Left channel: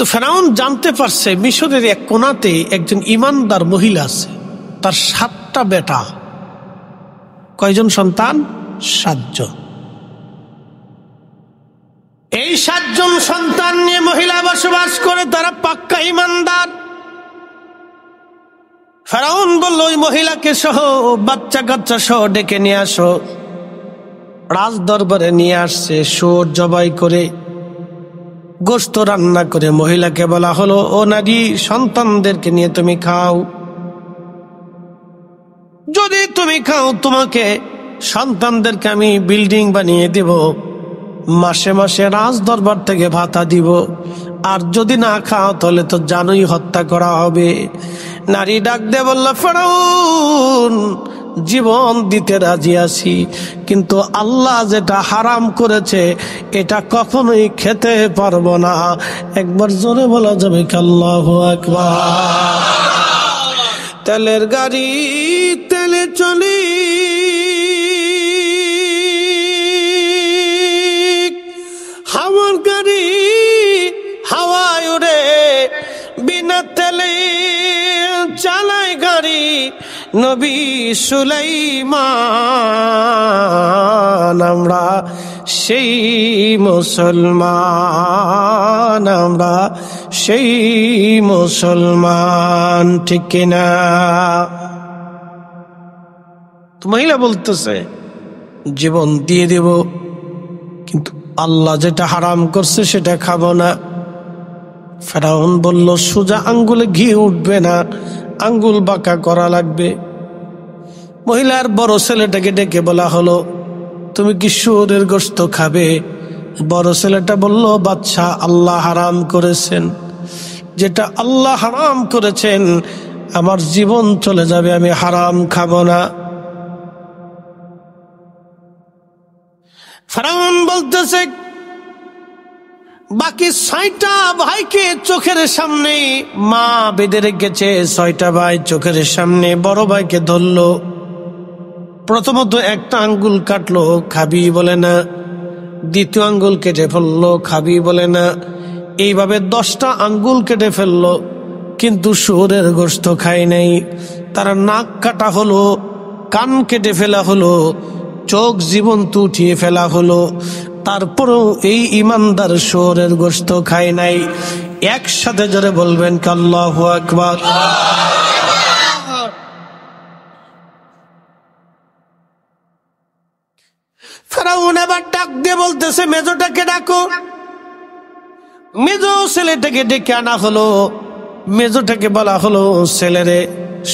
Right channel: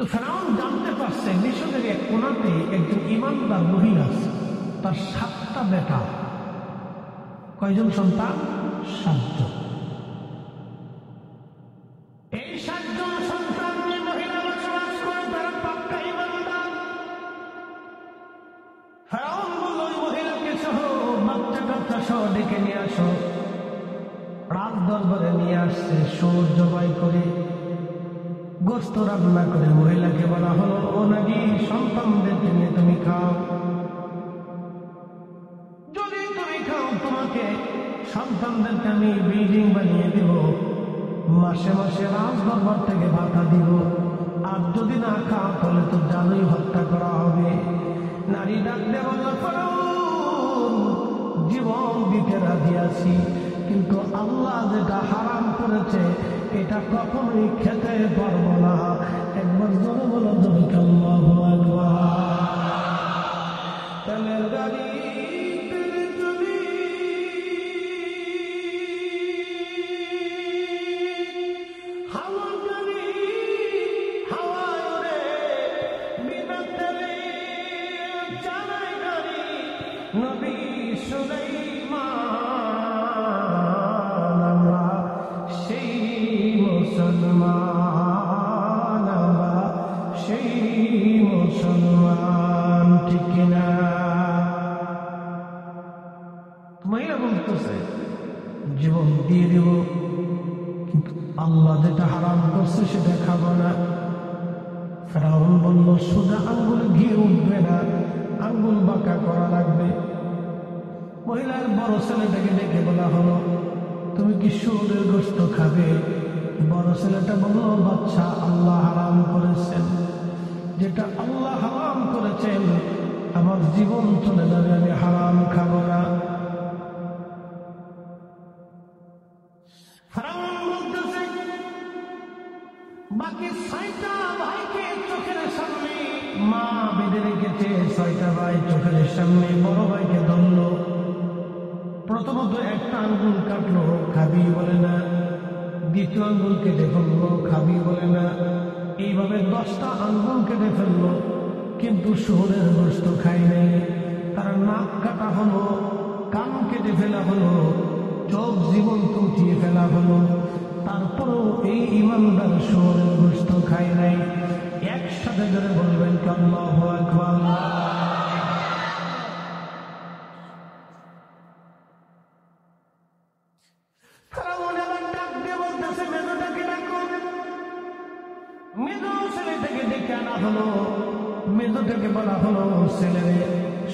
তো ফেরাউন জানতে পারছে মিশরের এক কোণাতে একজন ইমানদার মহিলা আছে, তার 7টা বেটা। কয়জন সন্তান? 7 জন। এই 7 জন সন্তান নিয়ে মহিলা বসবাস করে, তারা পাক্কা ইমানদার। ফেরাউন বলল ওই মহিলাকে সহ বাচ্চা কাচ্চা সহ ডেকে নিয়ে আসো। রাজ দরবারে নিয়ে আসছে, শুয়োর জবাই করে গোশত রান্না করে মহিলাকে বলা হলো, ও নারী, সন্তানদেরকে নিয়ে তুমি খাও। যদি তুমি খাও তোমাকে সন্তানদেরকে আমি বিল্ডিং বানিয়ে দিব, মাসে মাসে রাজ দরবার থেকে ভাতা দিব। আর যদি না খাও তাহলে তো জানোই হত্যা করা হবে। নারী ডাক দিয়ে বলল, ফেরাউন, জীবন দিতে রাজি আছি, কিন্তু আল্লাহ যেটা হারাম করেছে এটা কখনোই খেতে পারবো না। একবার জোরে বলা যাবে কি আল্লাহু আকবার। তেলের গাড়ি তেলে চলি, হাওয়ার গাড়ি হাওয়ায় উড়ে, বিনা তেলে চালায় গাড়ি নবী সুলাইমান। আমরা সেই মুসলমান, আমরা সেই মুসলমান, ঠিক কিনা? তো মহিলা বলতেছে জীবন দিয়ে দেব, কিন্তু আল্লাহ যেটা হারাম করছে সেটা খাবো না। ফেরাউন বলল, সোজা আঙ্গুলে ঘি উঠবে না, আঙ্গুল বাঁকা করা লাগবে। মহিলার বড় ছেলেটাকে ডেকে বলা হলো, তুমি কি শুয়োরের গোশত খাবে? বড় ছেলেটা বলল, বাদশা, আল্লাহ হারাম করেছেন, যেটা আল্লাহ হারাম করেছেন আমার জীবন চলে যাবে, আমি হারাম খাবো না। ফেরাউন বলতেছে, বাকি 6টা ভাইকে চোখের সামনে মা বেঁধে রেখেছে। 6টা ভাই চোখের সামনে বড় ভাইকে ধরলো। প্রথমত একটা আঙ্গুল কাটলো, খাবি বলে না। দ্বিতীয় আঙ্গুল কেটে ফেললো, খাবি বলে না। এইভাবে 10টা আঙ্গুল কেটে ফেললো, কিন্তু শুয়োরের গোশত খায় নাই। তারা নাক কাটা হলো, কান কেটে ফেলা হলো, চোখ জীবন্ত উঠিয়ে ফেলা হলো, তারপরেও এই ইমানদার শুয়োরের গোশত খায় নাই। একসাথে জোরে বলবেন আল্লাহু আকবার। ফেরাউন আবার ডাক দিয়ে বলতেছে, মেজোটাকে ডাকো। মেজো ছেলেটাকে ডেকে আনা হলো। মেজোটাকে বলা হলো, ছেলেরে,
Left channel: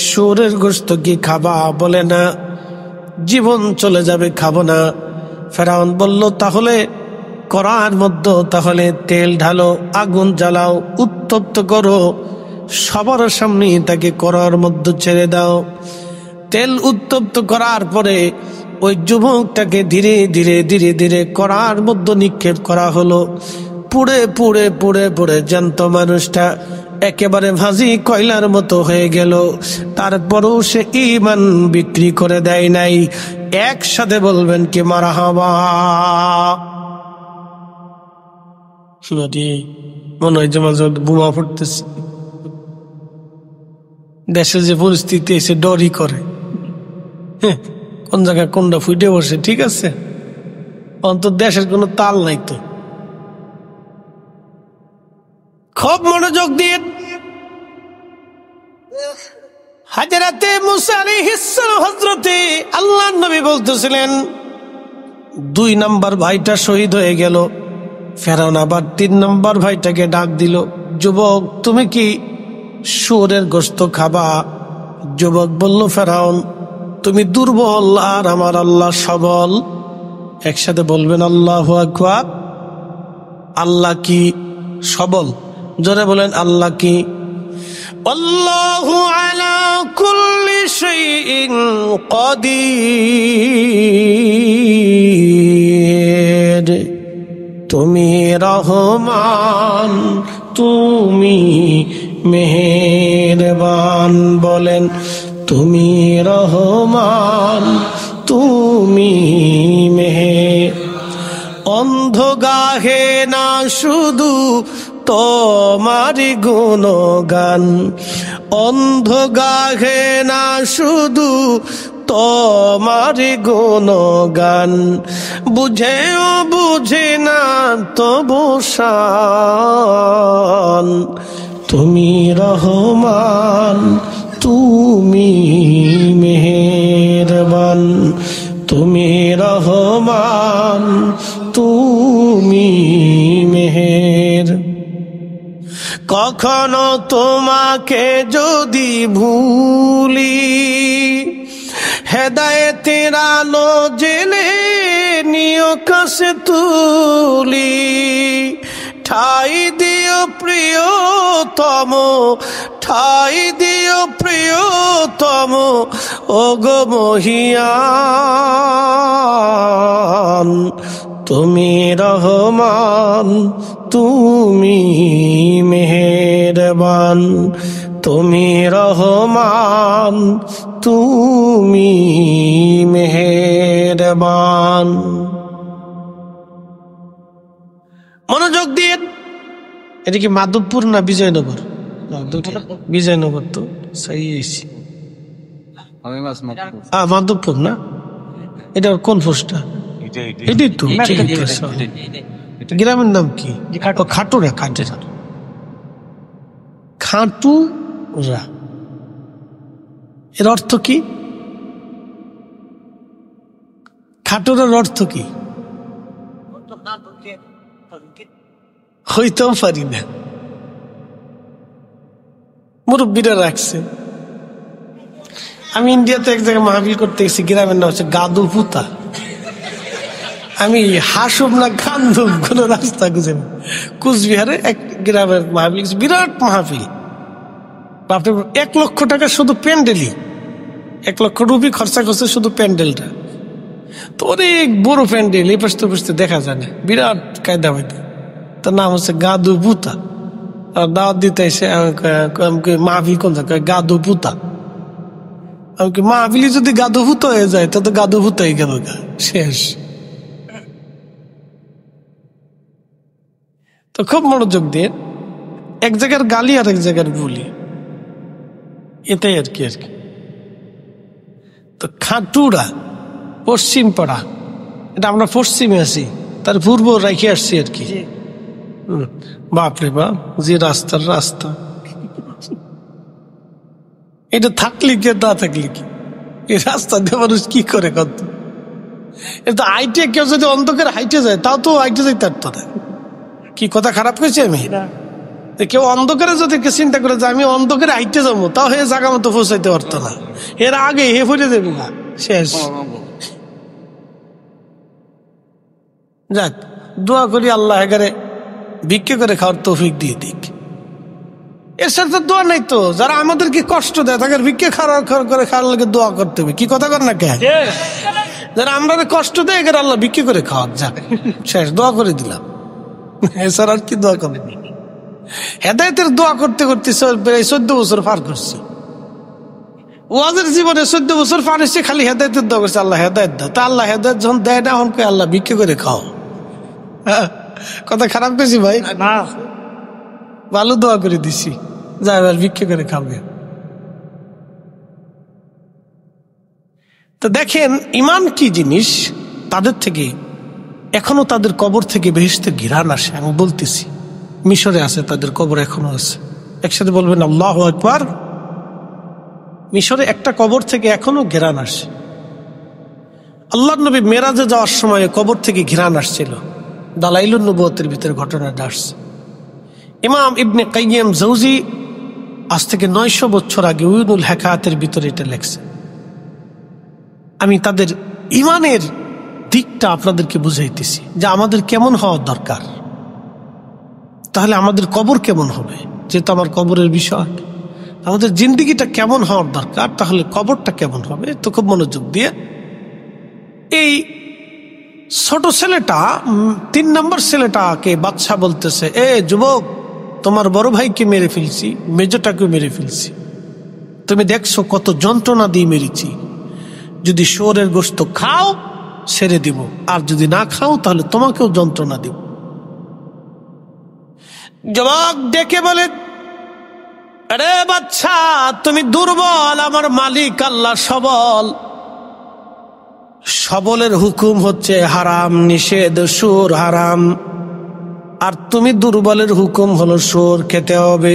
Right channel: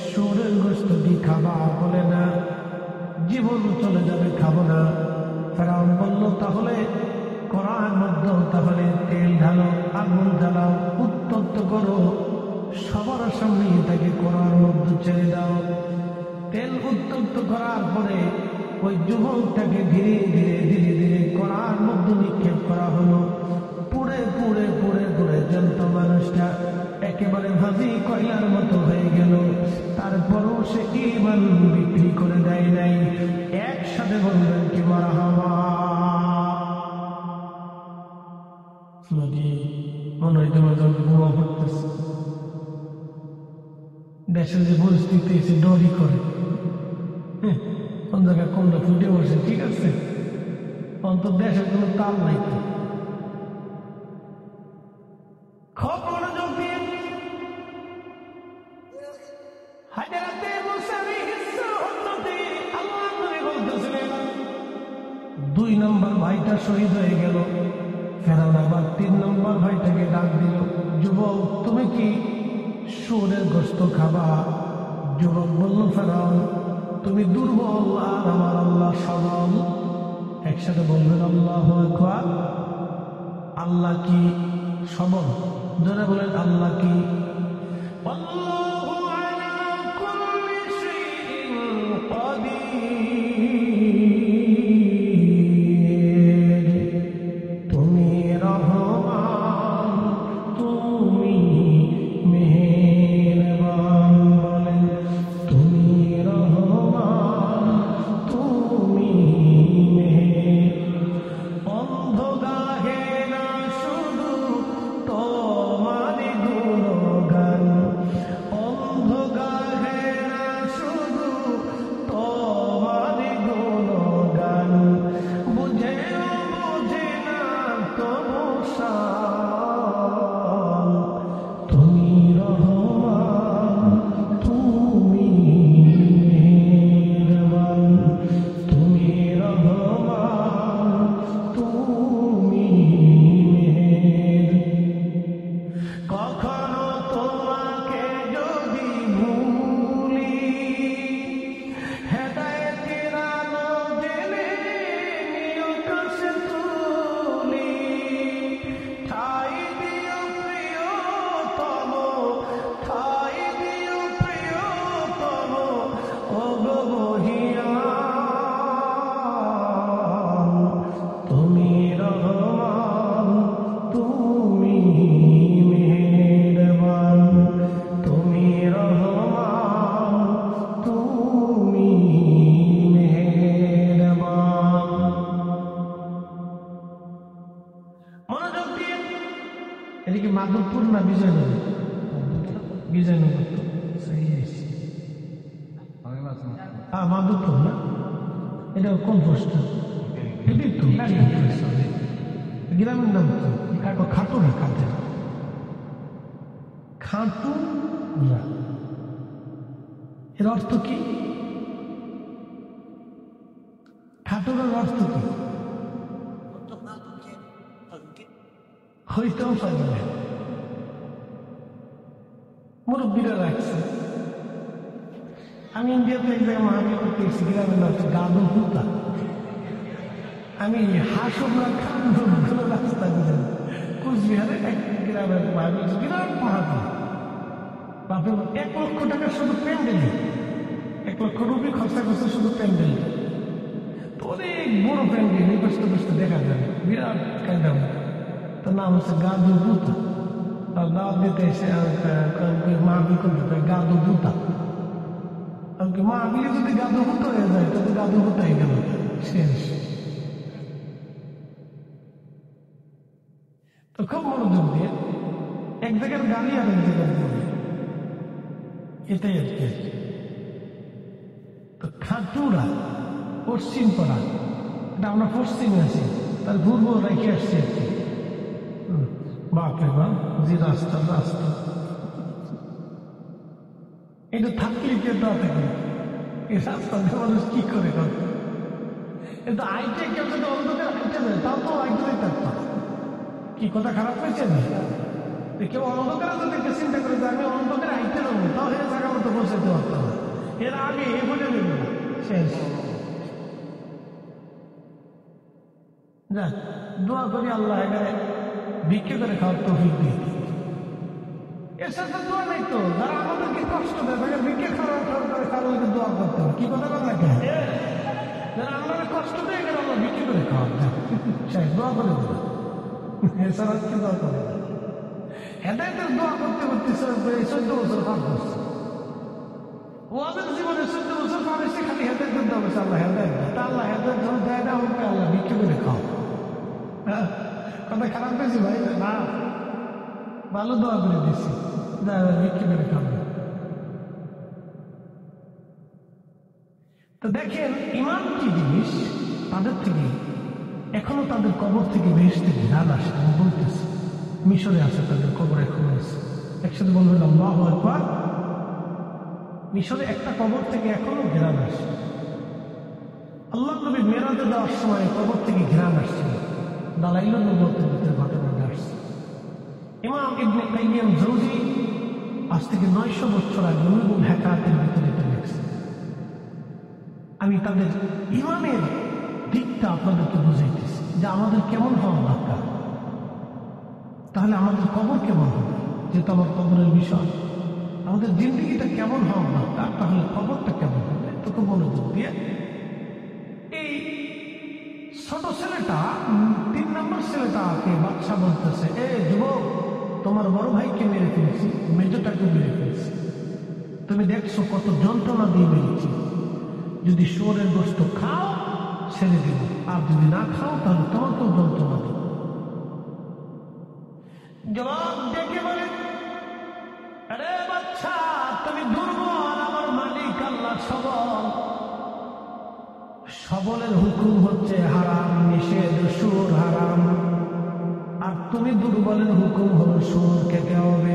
শুয়োরের গোশত কি খাবা? বলে না, জীবন চলে যাবে, খাবো না। ফেরাউন বলল, তাহলে কড়ার মধ্যে তাহলে তেল ঢালো, আগুন জ্বালাও, উত্তপ্ত করো, সবার সামনে তাকে কড়ার মধ্যে ছেড়ে দাও। তেল উত্তপ্ত করার পরে ওই যুবকটাকে ধীরে ধীরে ধীরে ধীরে কড়ার মধ্যে নিক্ষেপ করা হলো। পুড়ে পুড়ে পুড়ে পুড়ে জ্যান্ত মানুষটা একেবারে ভাজি কয়লার মতো হয়ে গেল। তারপরও সে ঈমান বিক্রি করে দেয় নাই। একসাথে বলবেন কি মারহাবা। মনে হয় যে মাঝে বোমা ফুটতেছে। দেশের যে পরিস্থিতি এসে ডরই করে, কোন জায়গায় কোনটা ফুটে বসে। ঠিক আছে, অন্তত দেশের কোনো তাল নাই তো। খুব মনোযোগ দিয়ে হাজরাতে মুসা আলাইহিস সালাম হযরতে আল্লাহর নবী বলতেছিলেন, 2 নম্বর ভাইটা শহীদ হয়ে গেল। ফেরাউন আবার 3 নম্বর ভাইটাকে ডাক দিল, যুবক, তুমি কি শুয়োরের গোশত খাবা? যুবক বলল, ফেরাউন, তুমি দুর্বল আর আমার আল্লাহ সবল। একসাথে বলবেন আল্লাহু আকবার। আল্লাহ কি সবল? জোরে বলেন, আল্লাহ কি? আল্লাহু আলা কুল্লি শাইইন কাদির। তুমি রহমান, তুমি মেহেরবান। বলেন, তুমি রহমান, তুমি মেহের। অন্ধ গাহে না শুধু, তবে তোমারি গুণগান, অন্ধ গাহে না শুধু তোমারি গুণগান, বুঝেও বুঝে না তবু শান। তুমি রহমান, তুমি মেহেরবান, তুমি রহমান, তুমি মেহের। কখনো তোমাকে যদি ভুলি, হেদায়েতের আলো জেনে নিয় কাছে তুলি, ঠাই দিও প্রিয়তম, ঠাই দিও প্রিয়তম, ওগো মহিয়ান। তুমি রহমান, তুমি মেহেরবান, তুমি রহমান, তুমি মেহেরবান। মনোযোগ দিয়ে, এটা কি মাধবপুর না বিজয়নগর? বিজয়নগর তো সেই মাধবপুর না? এটা কোন পোস্টটা? এটাই তো, ঠিক আছে। গ্রামের নাম কি? খাটুরা, খাটুরা, খাটুরা। এর অর্থ কি? খাটুরার অর্থ কি? হইতেও পারি না, মুরব্বীরা রাখছে। আমি ইন্ডিয়াতে এক জায়গায় মাহফিল করতে গেছি, গ্রামের নাম হচ্ছে গাদুপুতা। আমি হাসুম না কান্দুম কোন রাস্তা খুঁজে না। কুচবিহারে এক গ্রামের মাহফিল, বিরাট মাহফিল, 1 লক্ষ টাকা শুধু প্যান্ডেলই, 1 লক্ষ রুপি খরচা করছে শুধু প্যান্ডেলটা। তো অনেক বড় প্যান্ডেল, এই পাশে পাশে দেখা যায় না, বিরাট কায়দা হইতে। তার নাম হচ্ছে গাদুপুতা। আর দাওয়াত দিতে এসে মাহফিল কোন জায়গায়? গাদুপুতা। আমি কি মাহফিলি যদি গাদুভূত হয়ে যায় তা তো গাদুভূত হয়ে গেল, শেষ। তো খুব মনোযোগ দিয়ে, এক জায়গার গালি আর এক জায়গার বলি, এটাই আর কি। তো খাটুরা পশ্চিম পাড়া, এটা আমরা পশ্চিমে আছি, তার পূর্ব রেখে আসছি আর কি। বাপরে বাপ, যে রাস্তার রাস্তা, এটা থাকলে কি না থাকলে কি, এই রাস্তা দিয়ে মানুষ কি করে কত? এটা হাইটে কেউ যদি অন্ধকারে হাইটে যায়, তাও তো হাইটে যাইতে পারতো না। কি কথা খারাপ করেছি আমি? কেউ অন্ধকারে যদি চিন্তা করে যে আমি অন্ধকারে হাইটে যাবো, তাও হে জায়গা মতো পৌঁছাইতে পারতো না, এর আগে হে ফুটে দেবে না, শেষ। যাক, দোয়া করি আল্লাহ এগারে ভিক্ষে করে খাওয়ার তৌফিক দিয়ে দিক। এর সাথে দোয়া নাই তো, যারা আমাদেরকে কষ্ট দেয় তাদের ভিক্ষে করে খাওয়ার লাগে দোয়া করতে হবে। কি কথা কর না কে? যারা আমরা কষ্ট দেয় এগারে আল্লাহ ভিক্ষে করে খাওয়ার, যাক শেষ, দোয়া করে দিলাম। এছাড়া আর কি দোয়া করবে? হেদায়েতের দোয়া করতে করতে প্রায় 14 বছর পার করছি। ওয়াজের জীবনে 14 বছর পার হয়েছে, খালি হেদায়েতের দোয়া করছে, আল্লাহ হেদায়েত দাও। তা আল্লাহ হেদায়েত যখন দেয় না, এখন আল্লাহ ভিক্ষে করে খাও। কথা খারাপ করেছি ভাই? না, ভালো দোয়া করে দিছি, যা এবার ভিক্ষে করে খাবে। তো দেখেন ইমান কি জিনিস। তাদের থেকে এখনো, তাদের কবর থেকে বেহেশতের ঘিরান আসে। আমি বলতেছি, মিশরে আছে তাদের কবর, এখনো আছে। একসাথে বলবেন আল্লাহু আকবার। মিশরে একটা কবর থেকে এখনো ঘিরান আসে। আল্লাহর নবী মেরাজে যাওয়ার সময় কবর থেকে ঘিরান আসছিল। দালাইলুন নবুয়তের ভিতরে ঘটনাটা আসছে। ইমাম ইবনে কাইয়িম জাওজি আজ থেকে 900 বছর আগে উয়ুনুল হেকায়াতের ভিতরে এটা লেখছে। আমি তাদের ইমানের দিকটা আপনাদেরকে বুঝাইতেছি যে আমাদের কেমন হওয়া দরকার, তাহলে আমাদের কবর কেমন হবে। যেহেতু আমার কবরের বিষয়, আমাদের জিন্দিগিটা কেমন হওয়ার দরকার, তাহলে কবরটা কেমন হবে। তো খুব মনোযোগ দিয়ে, এই ছোট ছেলেটা, 3 নম্বর ছেলেটাকে বাদশা বলতেছে, এ যুবক, তোমার বড় ভাইকে মেরে ফেলছি, মেজোটাকে মেরে ফেলছি, তুমি দেখছো কত যন্ত্রণা দিয়ে মেরেছি। যদি শুয়োরের গোশত খাও ছেড়ে দিব, আর যদি না খাও তাহলে তোমাকেও যন্ত্রণা দিব। যুবক ডেকে বলে, আরে বাচ্চা, তুমি দুর্বল, আমার মালিক আল্লাহ সবল। সবলের হুকুম হচ্ছে হারাম নিষেধ, সুর হারাম, আর তুমি দুর্বলের হুকুম হলো সুর খেতে হবে।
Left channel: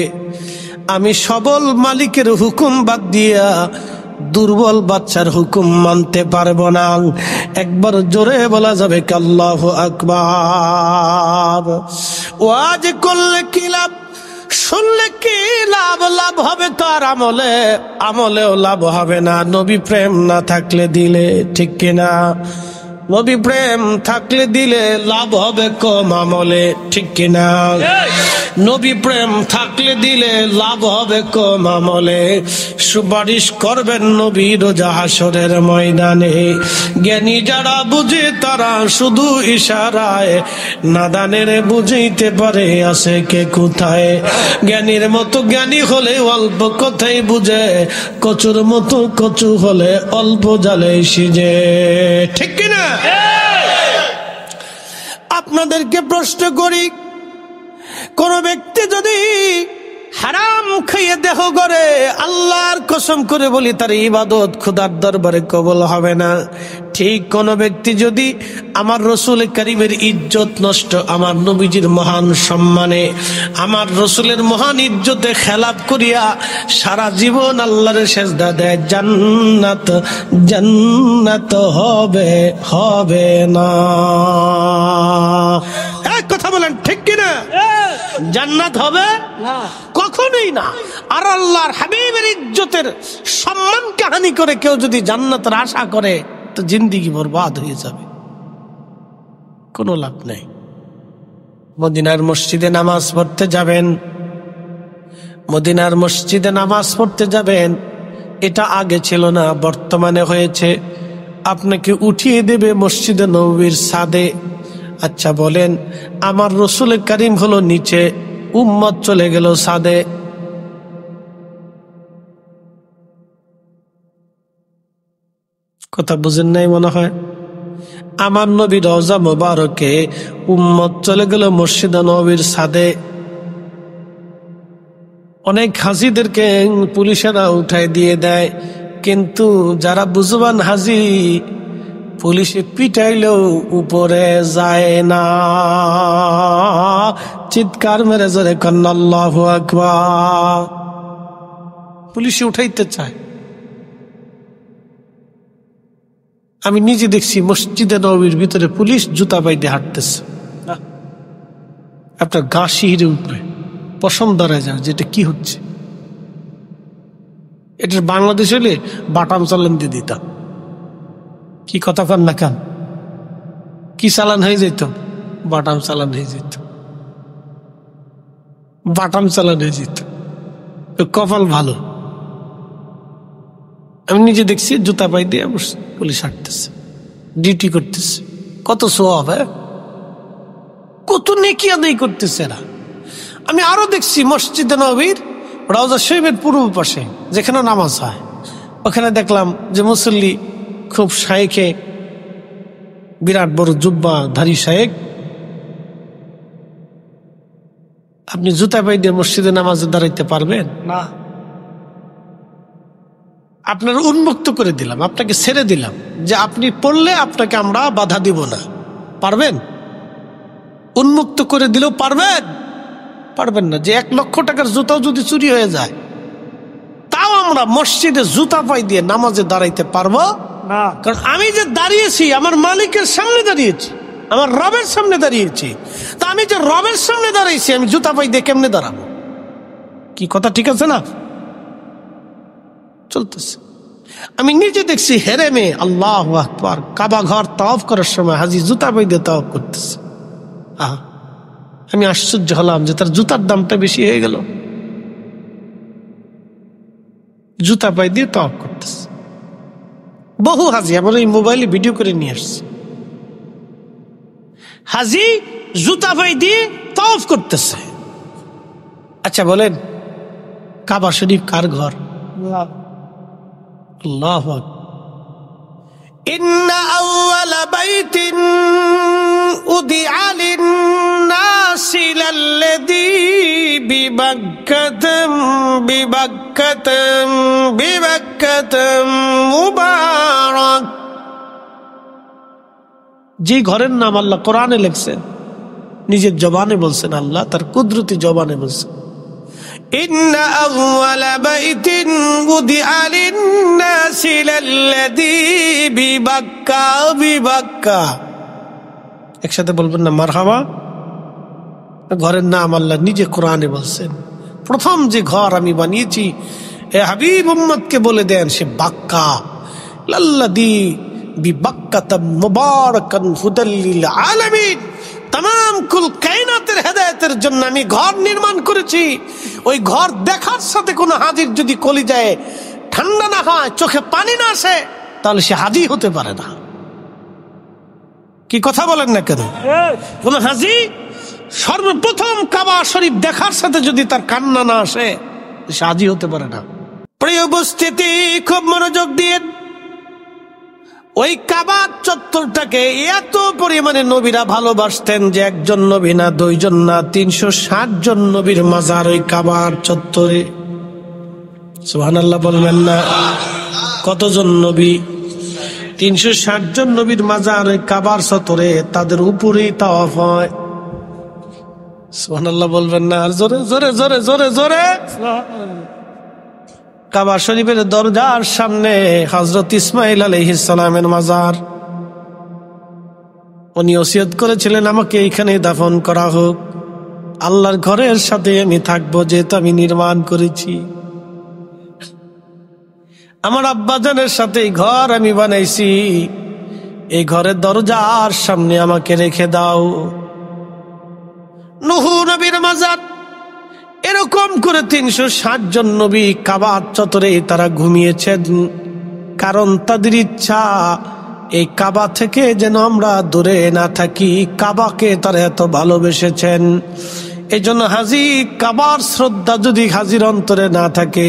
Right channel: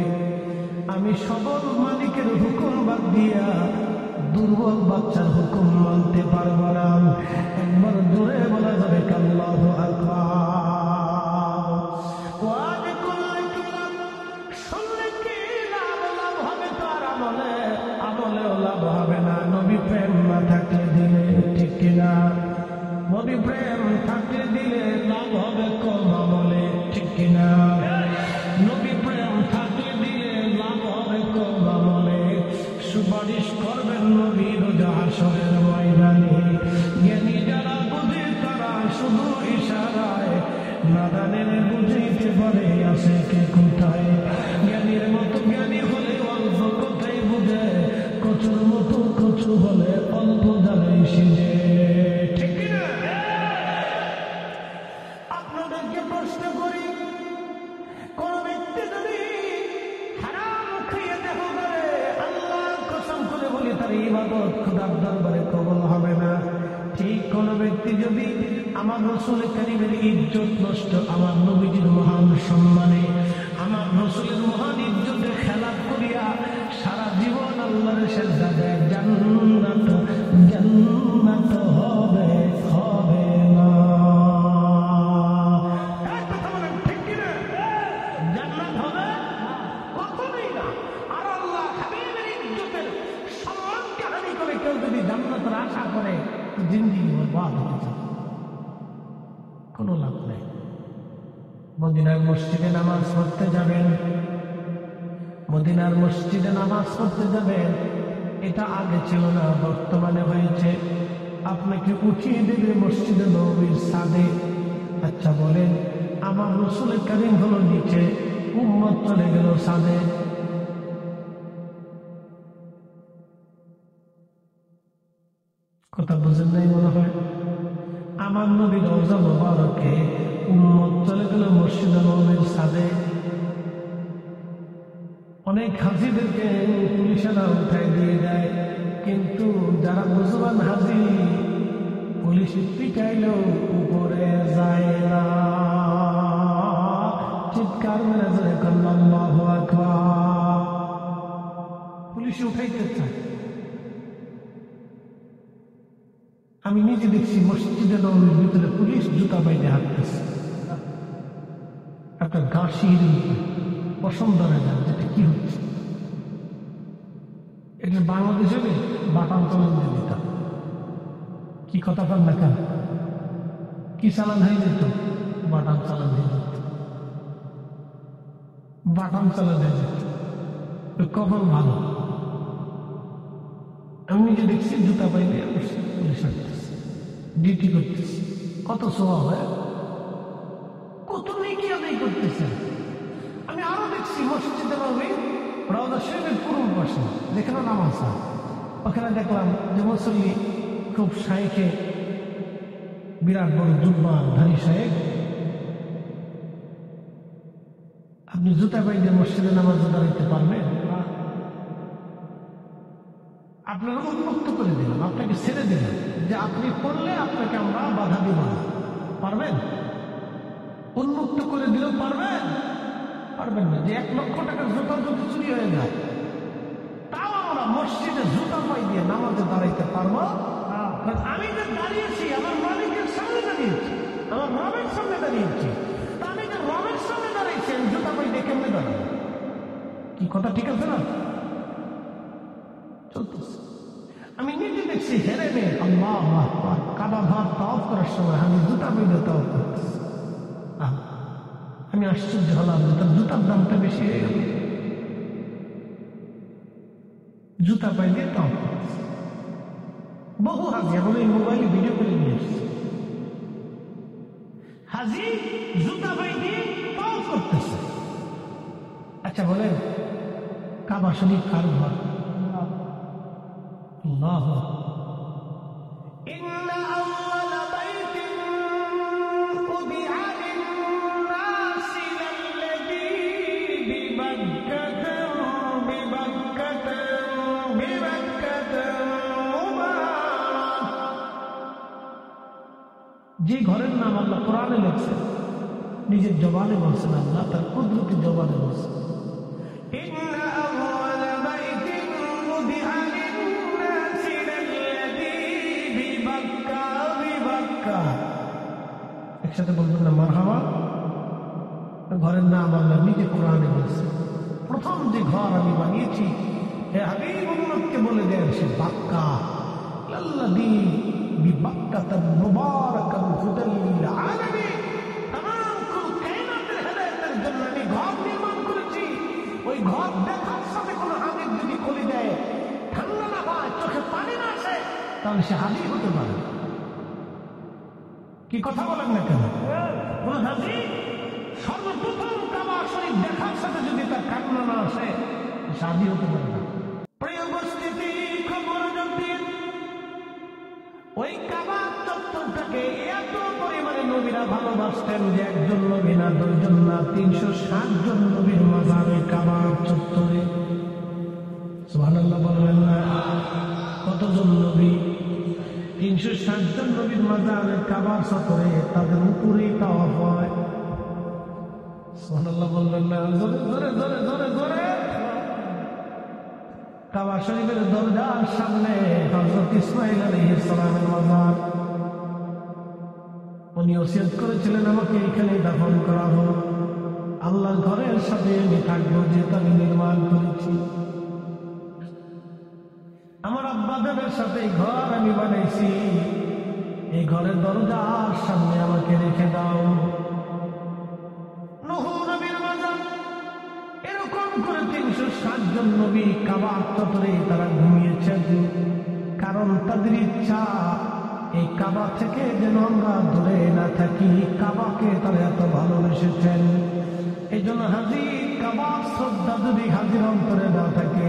আমি সবল মালিকের হুকুম বাদ দিয়া দুর্বল বাচ্চার হুকুম মানতে পারবো না। একবার জোরে বলা যাবে কি আল্লাহু আকবার। ওয়াজ করলে কি লাভ, শুনলে কি লাভ? লাভ হবে তার আমলে, আমলেও লাভ হবে না নবী প্রেম না থাকলে দিলে, ঠিক কিনা? নবী প্রেম থাকলে দিলে লাভ হবে কম, আমলে ঠিক কিনা? নবী প্রেম থাকলে দিলে লাভ হবে কম, আমলে। সুপারিশ করবেন নবী রোজা হাসরের ময়দানে। জ্ঞানী যারা বুঝে তারা শুধু ইশারায়, নাদানের বুঝিতে পারে আছে কে কোথায়। জ্ঞানীর মতো জ্ঞানী হলে অল্প কথাই বুঝে, কচুর মতো কচু হলে অল্প জালে সিজে, ঠিক কিনা? আপনাদেরকে প্রশ্ন করি, কোন ব্যক্তি যদি হারাম খাইয়ে দেহ করে, আল্লাহর কসম করে বলি তার ইবাদত খোদার দরবারে কবুল হবে না। ঠিক কোন ব্যক্তি যদি আমার রসুল করিমের ইজ্জত নষ্ট, আমার নবীজির মহান সম্মানে, আমার রসুলের মহান ইজ্জতে খেলাপ করিয়া সারা জীবন আল্লাহর সেজদা দেয়, জান্নাত জান্নাত হবে হবে না। এক কথা বলেন, ঠিক কিনা? জান্নাত হবে না, কখনোই না। আর আল্লাহর হাবিবের ইজ্জতের সম্মানকে হানি করে কেউ যদি জান্নাতের আশা করে, তো জিন্দেগি বরবাদ হয়ে যাবে, কোনো লাভ নেই। মদিনার মসজিদে নামাজ পড়তে যাবেন, মদিনার মসজিদে নামাজ পড়তে যাবেন, এটা আগে ছিল না, বর্তমানে হয়েছে। আপনাকে উঠিয়ে দেবে মসজিদে নববীর ছাদে। আচ্ছা বলেন, আমার রসুল করিম হলো নিচে, উম্মত চলে গেল ছাদে, কথা বুঝেন নাই মনে হয়? আমার নবী রওজা মোবারকে, উম্মত চলে গেল মসজিদে নববীর ছাদে। অনেক হাজিদেরকে পুলিশেরা উঠাই দিয়ে দেয়, কিন্তু যারা বুঝবান হাজি, পুলিশে পিটাইলেও উপরে যায় না। চিৎকার মেরে জোরে কন্না আল্লাহু আকবার। পুলিশে উঠাইতে চায়। আমি নিজে দেখছি মসজিদে নববীর ভিতরে পুলিশ জুতা বাইতে হাঁটতেছে, আপনার গা শিহরে উঠবে, পশম দাঁড়ায় যায়, যেটা কি হচ্ছে। এটার বাংলাদেশ হলে বাটাম চালান দিয়ে দিতাম। কি কথা কন না কেন? কি চালান হয়ে যেত? বাটাম চালান হয়ে যেত, বাটাম চালান হয়ে যেত। কপাল ভালো, আমি নিজে দেখছি জুতা পাই দিয়ে পুলিশ হাঁটতেছে, ডিউটি করতেছে। কত সোয়াব, কত নেকি আদায় করতেছে এরা। আমি আরো দেখছি মসজিদে নববীর রওজা শরীফের পূর্ব পাশে যেখানে নামাজ হয়, ওখানে দেখলাম যে মুসল্লি খুব শায়েখে, বিরাট বড় জুব্বা ধারী শায়েখ। আপনি জুতা পাই দিয়ে মসজিদে নামাজে দাঁড়াইতে পারবেন না? আপনার উন্মুক্ত করে দিলাম, আপনাকে ছেড়ে দিলাম যে আপনি পড়লে আপনাকে আমরা বাধা দিব না, পারবেন? উন্মুক্ত করে দিলেও পারবেন? পারবেন না। যে 1 লক্ষ টাকার জুতাও যদি চুরি হয়ে যায়, তাও আমরা মসজিদে জুতা পাই দিয়ে নামাজে দাঁড়াইতে পারবো না। কারণ আমি যে দাঁড়িয়েছি আমার মালিকের সামনে দাঁড়িয়েছি, আমার রবের সামনে দাঁড়িয়েছি। তা আমি যে রবের সামনে দাঁড়িয়েছি, আমি জুতা পাই দিয়ে কেমনে দাঁড়াবো? কি কথা ঠিক আছে না? চলতেছে। আমি নিজে দেখছি হেরেমে, আল্লাহু আকবার, কাবা ঘর তাওয়াফ করার সময় হাজি জুতা পাই দিয়ে তাওয়াফ করতেছে। আমি আশ্চর্য হলাম যে তার জুতার দামটা বেশি হয়ে গেল, জুতা পাই দিয়ে তাওয়াফ করতেছে। বহু হাজি আমার এই মোবাইলে ভিডিও করে নিয়ে আসছে, হাজি জুতা পাই দিয়ে তাওয়াফ করতেছে। আচ্ছা বলেন, কাবা শরীফ কার ঘর? আল্লাহু আকবার। ইন্না আউওয়ালা বাইতিন উদিআ লিন-নাসি লাল্লাযী বাক্কাতাম বিবাক্কাতাম বিবাক্কাতাম মুবারাক। যে ঘরের নাম আল্লাহ কোরআনে লিখছেন, নিজের জবানে বলছেন, আল্লাহ তার কুদরতি জবানে বলছেন, ইন্না আউওয়ালা বাইতিন উদিআ লিন-নাসি লাল্লাযী বিবাক্কা বিবাক্কা। একসাথে বলবেন না মারহাবা। ঘরের নাম আল্লাহ নিজে কোরআনে বলছেন। প্রথম যে ঘর আমি বানিয়েছি, এ হাবিব উম্মতকে বলে দেন, সে বাক্কা, লাল্লাযী বিবাক্কাতাম মুবারাকান হুদাল লিল আলামিন। तमाम কুল কায়নাতের হেদায়েতের জন্য আমি ঘর নির্মাণ করেছি। ওই ঘর দেখার সাথে কোনো হাজির যদি কলিজায় ঠান্ডা না হয়, চোখে পানি না আসে, তাহলে সে হাজি হতে পারে না। কি কথা বলেন না কেন? কোন হাজি সর্বপ্রথম কাবা শরীফ দেখার সাথে যদি তার কান্না না আসে, সে হাজি হতে পারে না। প্রিয় উপস্থিতি, খুব মনোযোগ দিয়ে ওই কাবা চত্বরটাকে এত পরিমাণে নবীরা ভালোবাসতেন যে একজন নবী না, দুইজন না, 360 জন নবীর মাজার ওই কাবার চত্বরে। সুবহানাল্লাহ বলবেন না? কতজন নবী? 360 জন নবীর মাজার ওই কাবার চত্বরে, তাদের উপরেই তাওয়াফ হয়। সুবহানাল্লাহ বলবেন না? আর জোরে জোরে জোরে জোরে জোরে। কাবা শরীফের দরজার সামনে হযরত ইসমাঈল আলাইহিস সালামের মাজার। উনি ওসিয়ত করেছিলেন, আমাকে এখানে দাফন করা হোক, আল্লাহর ঘরের সাথে আমি থাকবো, যেহেতু আমি নির্মাণ করেছি। আমার আব্বাজানের সাথে এই ঘর আমি বানাইছি, এই ঘরের দরজার সামনে আমাকে রেখে দাও। নূহ নবীর মাজার, এরকম করে 360 জন নবী কাবার চত্বরে তারা ঘুমিয়েছেন, কারণ তাদের ইচ্ছা এই কাবা থেকে যেন আমরা দূরে না থাকি। কাবাকে তারা এত ভালোবেসেছেন, এই জন্য হাজি, কাবার শ্রদ্ধা যদি হাজির অন্তরে না থাকে,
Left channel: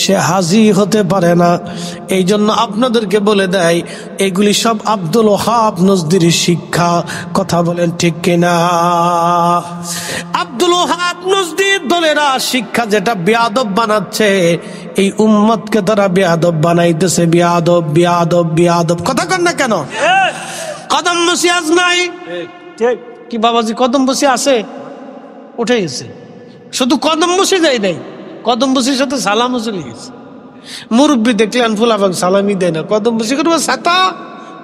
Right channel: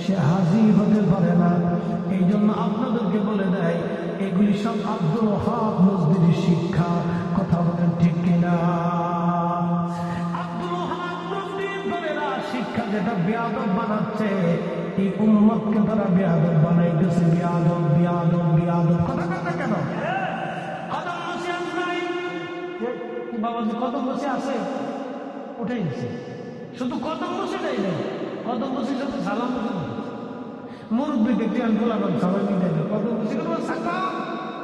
সে হাজি হতে পারে না। এই জন্য আপনাদেরকে বলে দেয়, এগুলি সব আব্দুল ওহাব নজদির শিক্ষা। কথা বলেন ঠিক কিনা? আব্দুল ওহাব নজদির দলেরা শিক্ষা যেটা বেয়াদব বানাচ্ছে, এই উম্মতকে তারা বেয়াদব বানাইতেছে। বেয়াদব বেয়াদব বেয়াদব। কথা কন না কেন? কদম বসি আজ নাই কি বাবাজি? কদম বসি আছে, উঠে গেছে। শুধু কদম বসে যায় নাই, কদম বসির সাথে সালামও চলে গেছে। মুরব্বী দেখলেন ফুলাফান সালামি দেয় না, কদম বসি করবো ছাতা,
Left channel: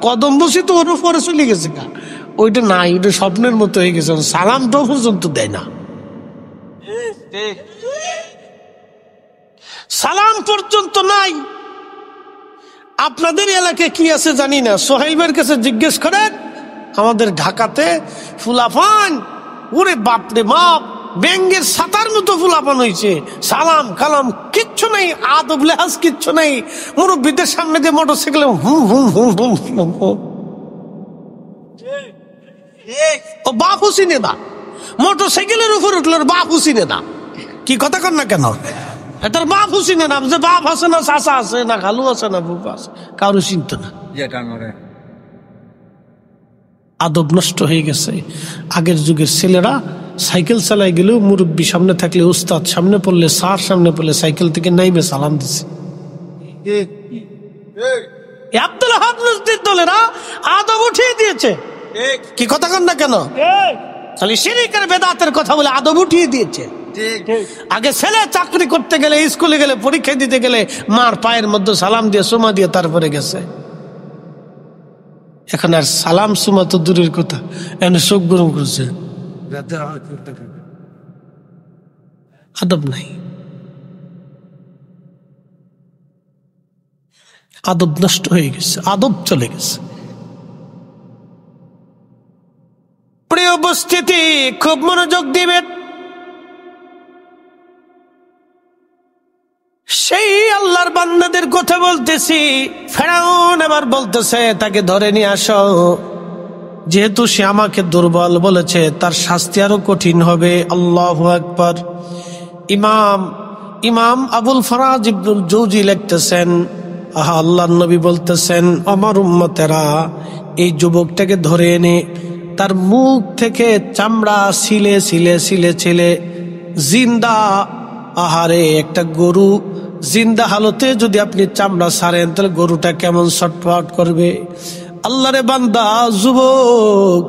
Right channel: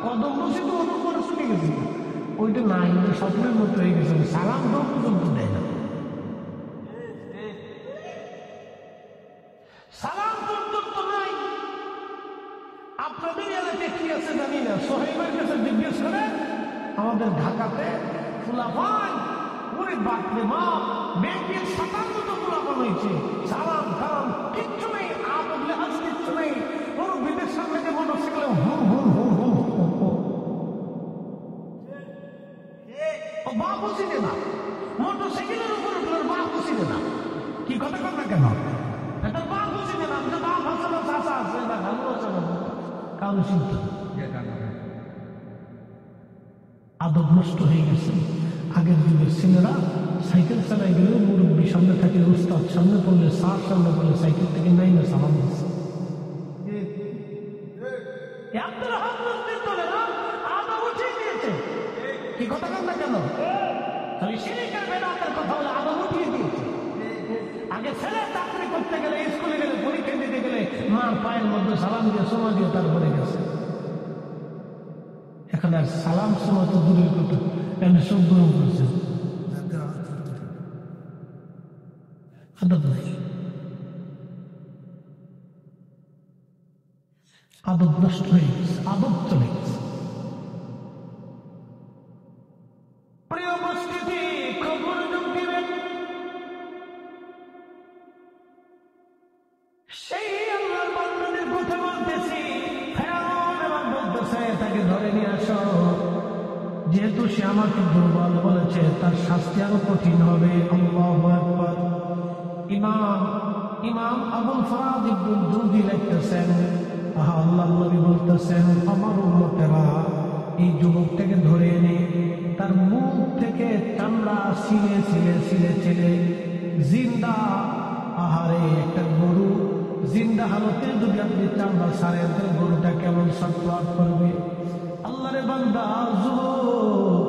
কদম বসি তো ওর উপরে চলে গেছে না, ওইটা নাই, ওইটা স্বপ্নের মতো হয়ে গেছে। সালামটাও পর্যন্ত দেয় না, সালাম পর্যন্ত নাই। আপনাদের এলাকায় কি আছে জানি না, সোহেল ভাইয়ের কাছে জিজ্ঞেস করেন। আমাদের ঢাকাতে ফুলাফান, ওরে বাপরে বাপ, ব্যাঙ্গের ছাতার মতো ফুলাপান হয়েছে। সালাম কালাম কিচ্ছু নেই, আদব লেহাজ কিচ্ছু নেই। মুরব্বীদের সামনে দিয়ে মোটরসাইকেলে হুম হুম হুম হুম হুম হুম। ও বাপ হুসিনে না, মোটরসাইকেলের উপর উঠলো, বাপ হুসিনে না। কি কথা কর না কেন? তার বাপ হুসিনে না, যে বাপ আছে না, চাচা আছে না, খালু আছে না, বুক আছে, কারো চিন্ত না। আদব নষ্ট হয়ে গেছে। আগের যুগের ছেলেরা সাইকেল চালাই গেলেও মুরব্বী সামনে থাকলে, উস্তাদ সামনে পড়লে, স্যার সামনে পড়লে সাইকেল থেকে নাইমে সালাম দিছে। আব্দুল ওহাব নজদির দলেরা আদব উঠিয়ে দিয়েছে। কি কথা কন না কেন? খালি শিরকের বেদাতের কথা বলে আদব উঠিয়ে দিয়েছে। আগে ছেলে চাকরি করতে গেলে, স্কুলে গেলে, পরীক্ষা দিতে গেলে মার পায়ের মধ্যে সালাম দিয়ে সুমা দিয়ে তারপরে গেছে। এখন আর সালাম সুমা তো দূরের কথা, এখন চোখ গরম করছে, আদব নাই, আদব নষ্ট হয়ে গেছে, আদব চলে গেছে। প্রিয় উপস্থিতি, খুব মনোযোগ দিবেন। সেই আল্লাহর বান্দাদের কথা বলতেছি। ফেরাউন আবার বলতেছে তাকে ধরে নিয়ে আসো, যেহেতু সে আমাকে দুর্বল বলেছে, তার শাস্তি আরো কঠিন হবে। আল্লাহু আকবার। ইমাম আবুল ফরাজ ইবনুল জৌজি লিখতেছেন, আহা, আল্লাহর নবী বলতেছেন, আমার উম্মতেরা এই যুবকটাকে ধরে এনে তার মুখ থেকে চামড়া ছিলে ছিলে ছিলে ছিলে জিন্দা, আহারে একটা গরু জিন্দা হালতে যদি আপনি চামড়া ছাড়েন তাহলে গরুটা কেমন ছটফট করবে। আল্লাহরে বান্দা, যুবক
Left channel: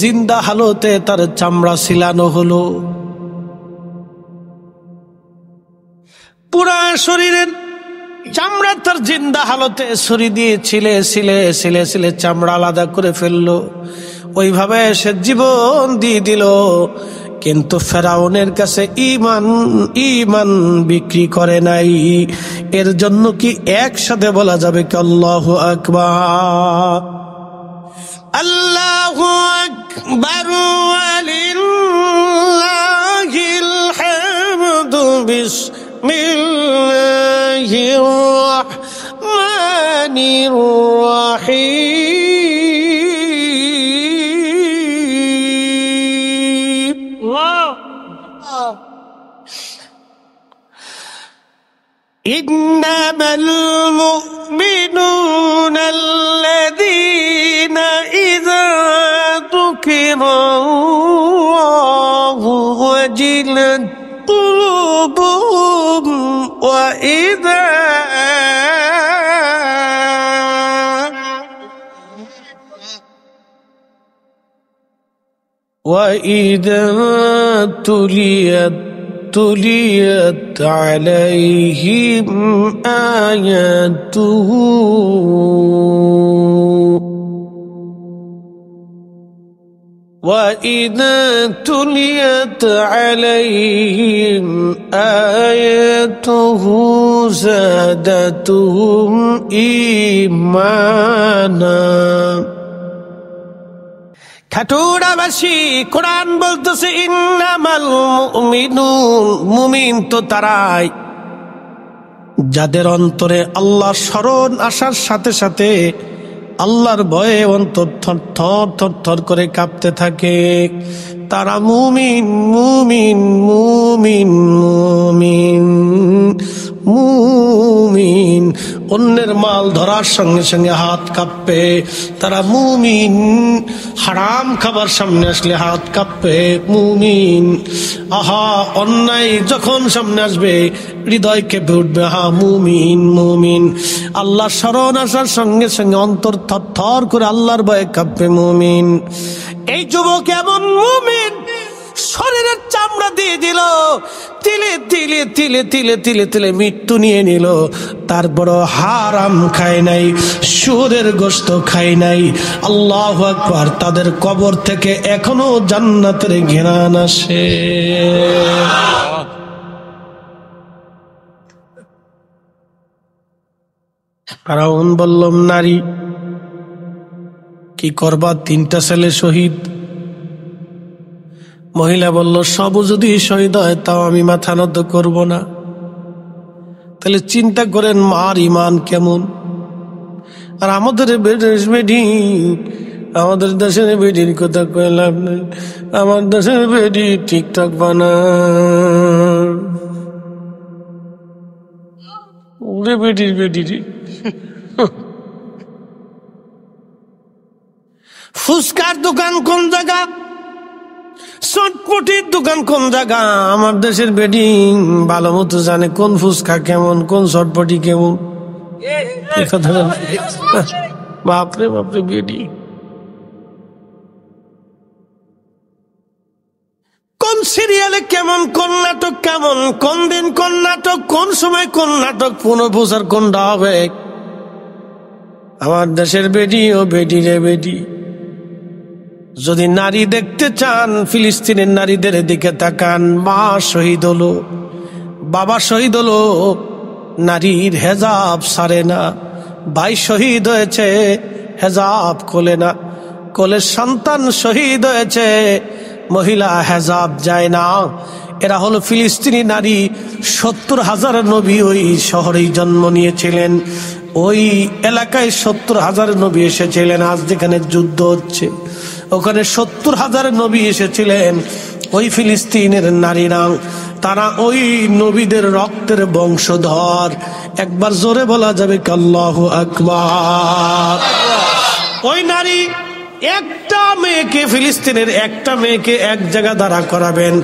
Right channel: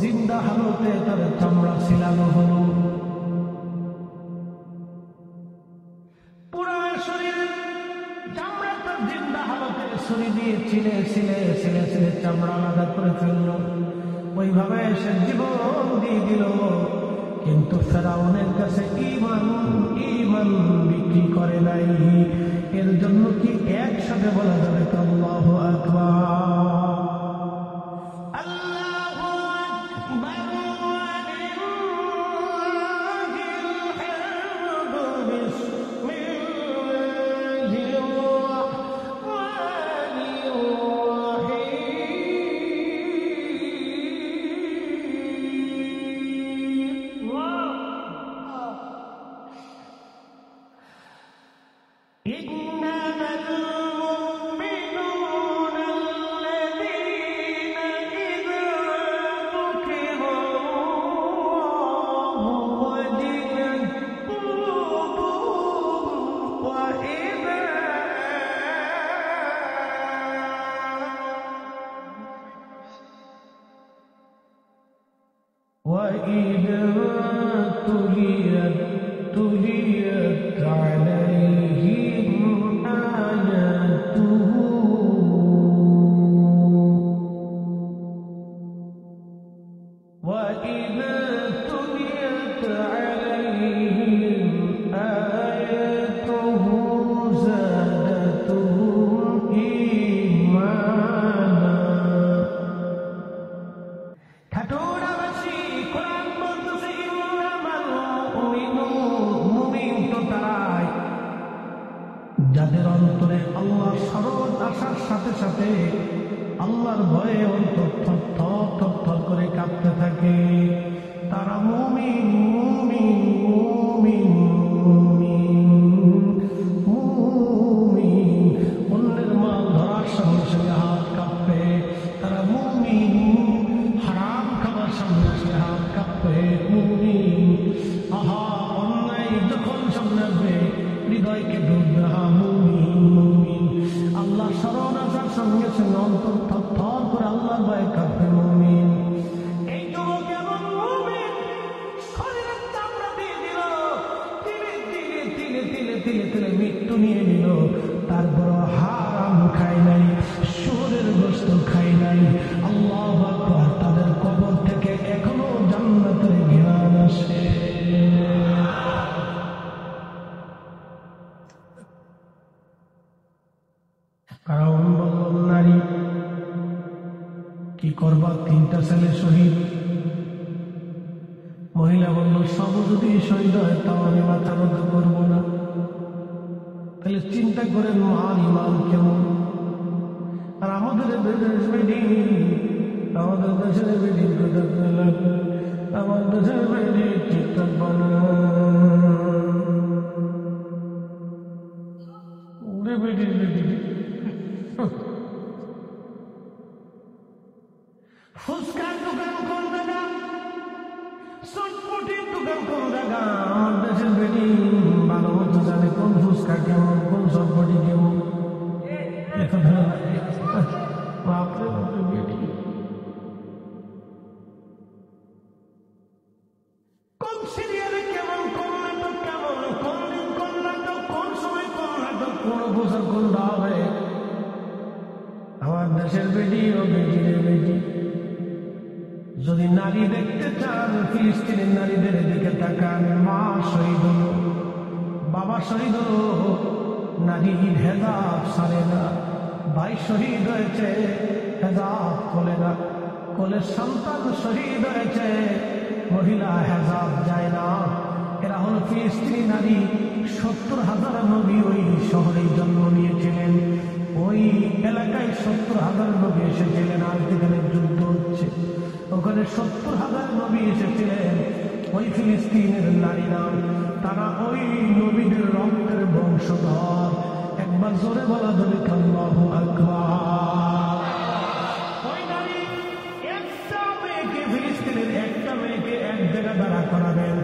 জিন্দা হালতে তার চামড়া ছিলানো হলো, পুরা শরীরের চামড়া তার জিন্দা হালতে ছুরি দিয়ে ছিলে ছিলে ছিলে ছিলে চামড়া আলাদা করে ফেললো। ওইভাবে সে জীবন দিয়ে দিল, কিন্তু ফেরাউনের কাছে ঈমান বিক্রি করে নাই। এর জন্য কি একসাথে বলা যাবে কি আল্লাহু আকবার? আল্লাহু আকবার ওয়ালিল্লাহিল হামদু বিসমিল্লাহির রাহমানির রাহিম। إنما المؤمنون الذين إذا ذكر الله وجلت قلوبهم وإذا تليت عليهم آياته وإذا تليت عليهم آياته زادتهم إيمانا। খাটুরাবাসী কোরআন বলতেছে ইন্নামাল মুমিনুন, মুমিন তো তারাই যাদের অন্তরে আল্লাহর স্মরণ আসার সাথে সাথে আল্লাহর ভয়ে অন্তর থর থর থর থর করে কাঁপতে থাকে। তারা মুমিন মুমিন মুমিন মুমিন মুমিন। অন্যের মাল ধরার সঙ্গে সঙ্গে হাত কাঁপবে, তারা মুমিন। হারাম খাবার সামনে আসলে হাত কাঁপবে, মুমিন। আহা, অন্যায় যখন সামনে আসবে হৃদয় কেঁপে উঠবে, হা মুমিন মুমিন। আল্লাহ স্মরণ আসার সঙ্গে সঙ্গে অন্তর থর থর করে আল্লাহর ভয়ে কাঁপবে, মুমিন। এই যুবক এমন মুমিন, শরীরের চামড়া দিয়ে দিল, তিলে তিলে তিলে তিলে তিলে তিলে মৃত্যু নিয়ে নিল। তারপরও হারাম খায় নাই, সুরের গোশত খায় নাই। আল্লাহু আকবার। তাদের কবর থেকে এখনো জান্নাতের ঘ্রাণ আসে। ফেরাউন বললাম, নারী কি করবা? 3টা ছেলে শহীদ। মহিলা বলল, সব যদি শহীদ হয় তাও আমি মাথা নত করব না। তাহলে চিন্তা করেন মার ইমান কেমন। আর আমাদের দেশের বেডির কথা কইলাম না, আমার দেশের বেডি ঠিকঠাক বানা ওরে বেডির বেডি ফুচকার দোকান কোন জায়গা, চটপটির দোকান কোন জায়গা। আমার দেশের বেডি ভালো মতো জানে কোন ফুচকা কেমন, কোন চটপটি কেমন। বাপরে বাপরে বেডি। কোন সিরিয়ালে কেমন, কোন নাটক কেমন, কোন দিন কোন নাটক, কোন সময় কোন নাটক, পুনঃপ্রচার কোনটা হবে। আমার দেশের বেডি ও বেডি রে বেডি। যদি নারী দেখতে চান, ফিলিস্তিনের নারীদের দিকে তাকান। মা শহীদ হলো, বাবা শহীদ হলো, নারীর হেজাব সারে না। ভাই শহীদ হয়েছে, হেজাব খোলে না। কোলের সন্তান শহীদ হয়েছে, মহিলা হেজাব যায় না। এরা হলো ফিলিস্তিনি নারী। 70,000 নবী ওই শহরেই জন্ম নিয়েছিলেন, ওই এলাকায় 70,000 নবী এসেছিলেন। আজ যেখানে যুদ্ধ হচ্ছে ওখানে 70,000 নবী এসেছিলেন। ওই ফিলিস্তিনের নারীরা, তারা ওই নবীদের রক্তের বংশধর। একবার জোরে বলা যাবে আল্লাহু আকবার। ওই নারী একটা মেয়ে মেয়েকে, ফিলিস্তিনের একটা মেয়েকে এক জায়গা দাঁড়া করাবেন,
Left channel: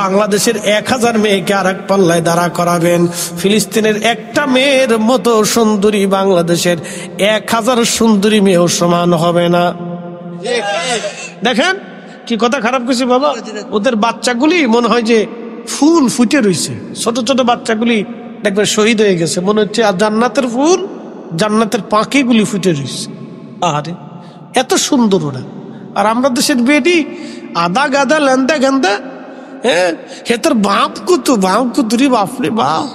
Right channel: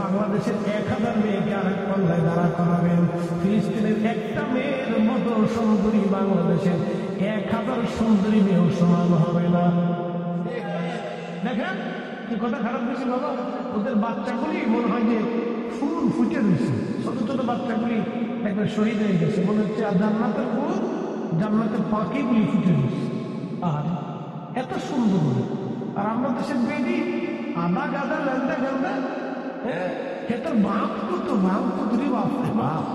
বাংলাদেশের 1000 মেয়েকে আর এক পাল্লায় দাঁড়া করাবেন। ফিলিস্তিনের একটা মেয়ের মতো সুন্দরী বাংলাদেশের 1000 সুন্দরী মেয়েও সমান হবে না। দেখেন কি কথা খারাপ করছে বাবা, ওদের বাচ্চাগুলি মনে হয় যে ফুল ফুটে রয়েছে, ছোট ছোট বাচ্চাগুলি দেখবেন শহীদ হয়ে গেছে, মনে হচ্ছে আর জান্নাতের ফুল, জান্নাতের পাখিগুলি ফুটে রয়েছে। আরে এত সুন্দর ওরা। আর আমরা দেশের বেডি আদা গাদা লেন্দা গান্দা, হ্যাঁ তোর বাপ কুতুরি বাপরে বাপ,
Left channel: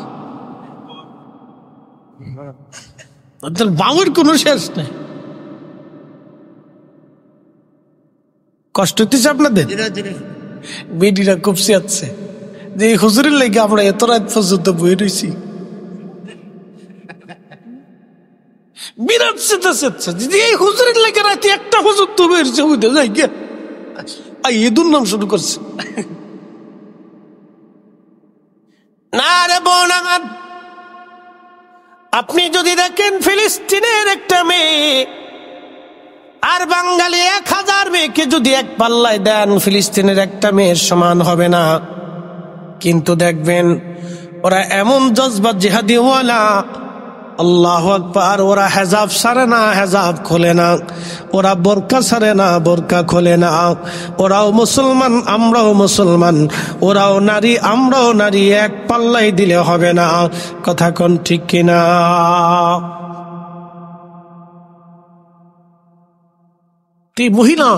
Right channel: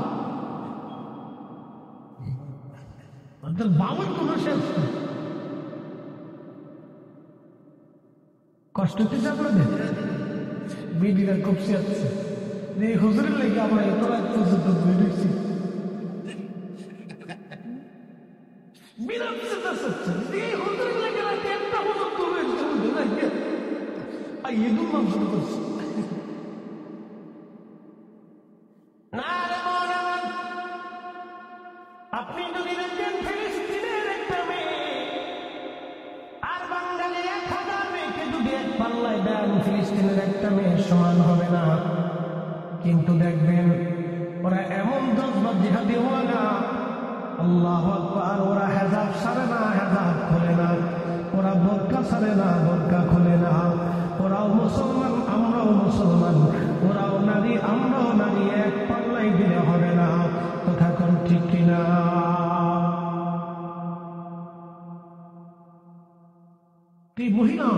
ওদের বাবার কোনো শেষ নেই। কষ্ট হচ্ছে আপনাদের? বেডিরা খুব চেয়াচ্ছে যে এই হুজুরের লেগে আমরা এত রাত পর্যন্ত বই রয়েছি, বিরাট চেঁচাচ্ছে যে এই হুজুরের লেগে রাতে একটা হুজুর তো বেরছে, বুঝতে যাই গিয়া ঈদুর নাম শুরু করছে। না রে বোন আমার, আপনি যদি দেখেন ফিলিস্তিনের একটা মেয়ে আর বাঙালি 1000 মেয়েকে যদি এক পাল্লায় দেন, ফিলিস্তিনের একটা মেয়ের সমান হবে না। কিন্তু দেখবেন ওরা এমন জজবা জিহাদিওয়ালা, আল্লাহু আকবার, ওরা হেজাব সারে না, হেজাব খোলে না, ওরা বোরকা সারে না, বোরকা খোলে না। ওরাও মুসলমান, আমরাও মুসলমান, ওরাও নারী, আমরাও নারী, এক পাল্লাই দিলে হবে না। কথা কোন ঠিক কিনা? এই মহিলা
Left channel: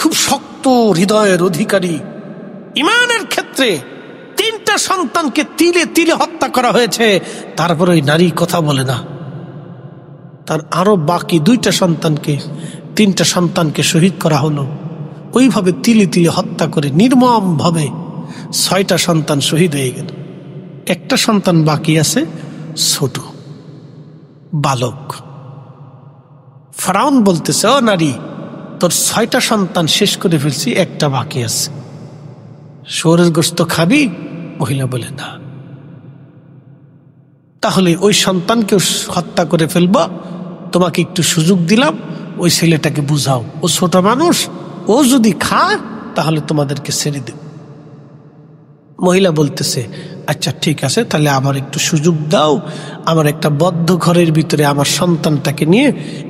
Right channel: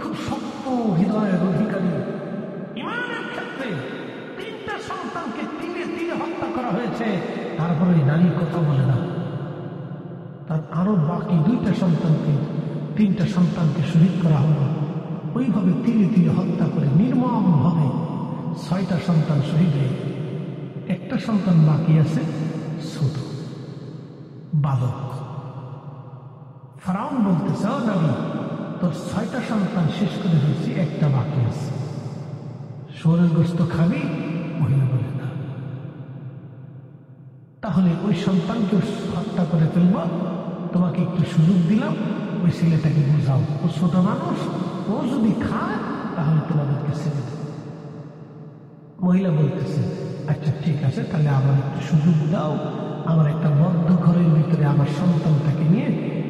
খুব শক্ত হৃদয়ের অধিকারী, ইমানের ক্ষেত্রে 3টা সন্তানকে তিলে তিলে হত্যা করা হয়েছে, তারপর ওই নারী কথা বলে না। তার আরো বাকি 2টা সন্তানকে, 3টা সন্তানকে শহীদ করা হলো, ওইভাবে তিলে তিলে হত্যা করে নির্মম ভাবে 6টা সন্তান শহীদ হয়ে গেল। একটা সন্তান বাকি আছে, ছোট বালক। ফেরাউন বলতেছে, ও নারী, তোর 6টা সন্তান শেষ করে ফেলছি, একটা বাকি আছে, শুয়োরের গোশত খাবি? মহিলা বলে না। তাহলে ওই সন্তানকেও হত্যা করে ফেলবো, তোমাকে একটু সুযোগ দিলাম, ওই ছেলেটাকে বুঝাও, ও ছোট মানুষ, ও যদি খায় তাহলে তোমাদেরকে ছেড়ে দেব। মহিলা বলতেছে, আচ্ছা ঠিক আছে, তাহলে আমার একটু সুযোগ দাও, আমার একটা বদ্ধ ঘরের ভিতরে আমার সন্তানটাকে নিয়ে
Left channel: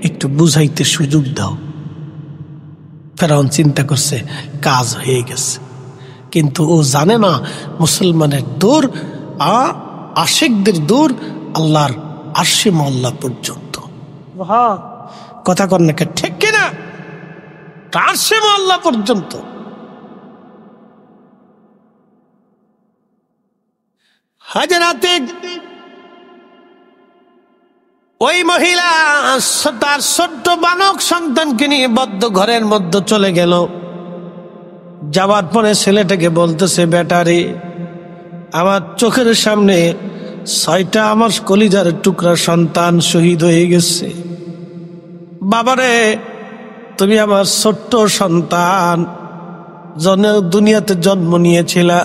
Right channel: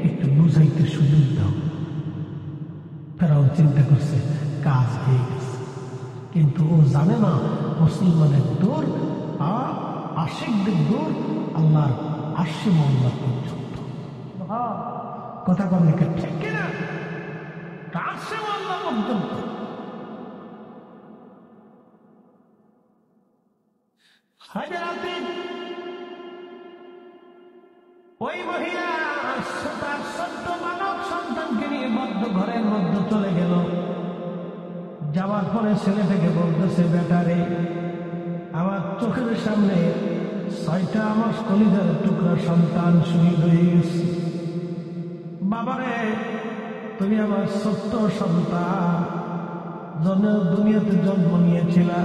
একটু বুঝাইতে সুযোগ দাও। ফেরাউন চিন্তা করছে কাজ হয়ে গেছে, কিন্তু ও জানে না মুসলমানের দৌড়, আশেকদের দৌড় আল্লাহর আরশে মওলা পর্যন্ত। কথা কর না ঠিক কিনা? আরশে মওলা পর্যন্ত। হাজরাতে ওই মহিলা তার ছোট্ট বালক সন্তানকে নিয়ে বদ্ধ ঘরের মধ্যে চলে গেল। যাবার পরে ছেলেটাকে বলতেছে, বেটারে, আমার চোখের সামনে 6টা আমার কলিজার টুকরা সন্তান শহীদ হয়ে গেছে। বাবারে, তুমি আমার ছোট্ট সন্তান, দুনিয়াতে জন্ম নিয়েছিলা,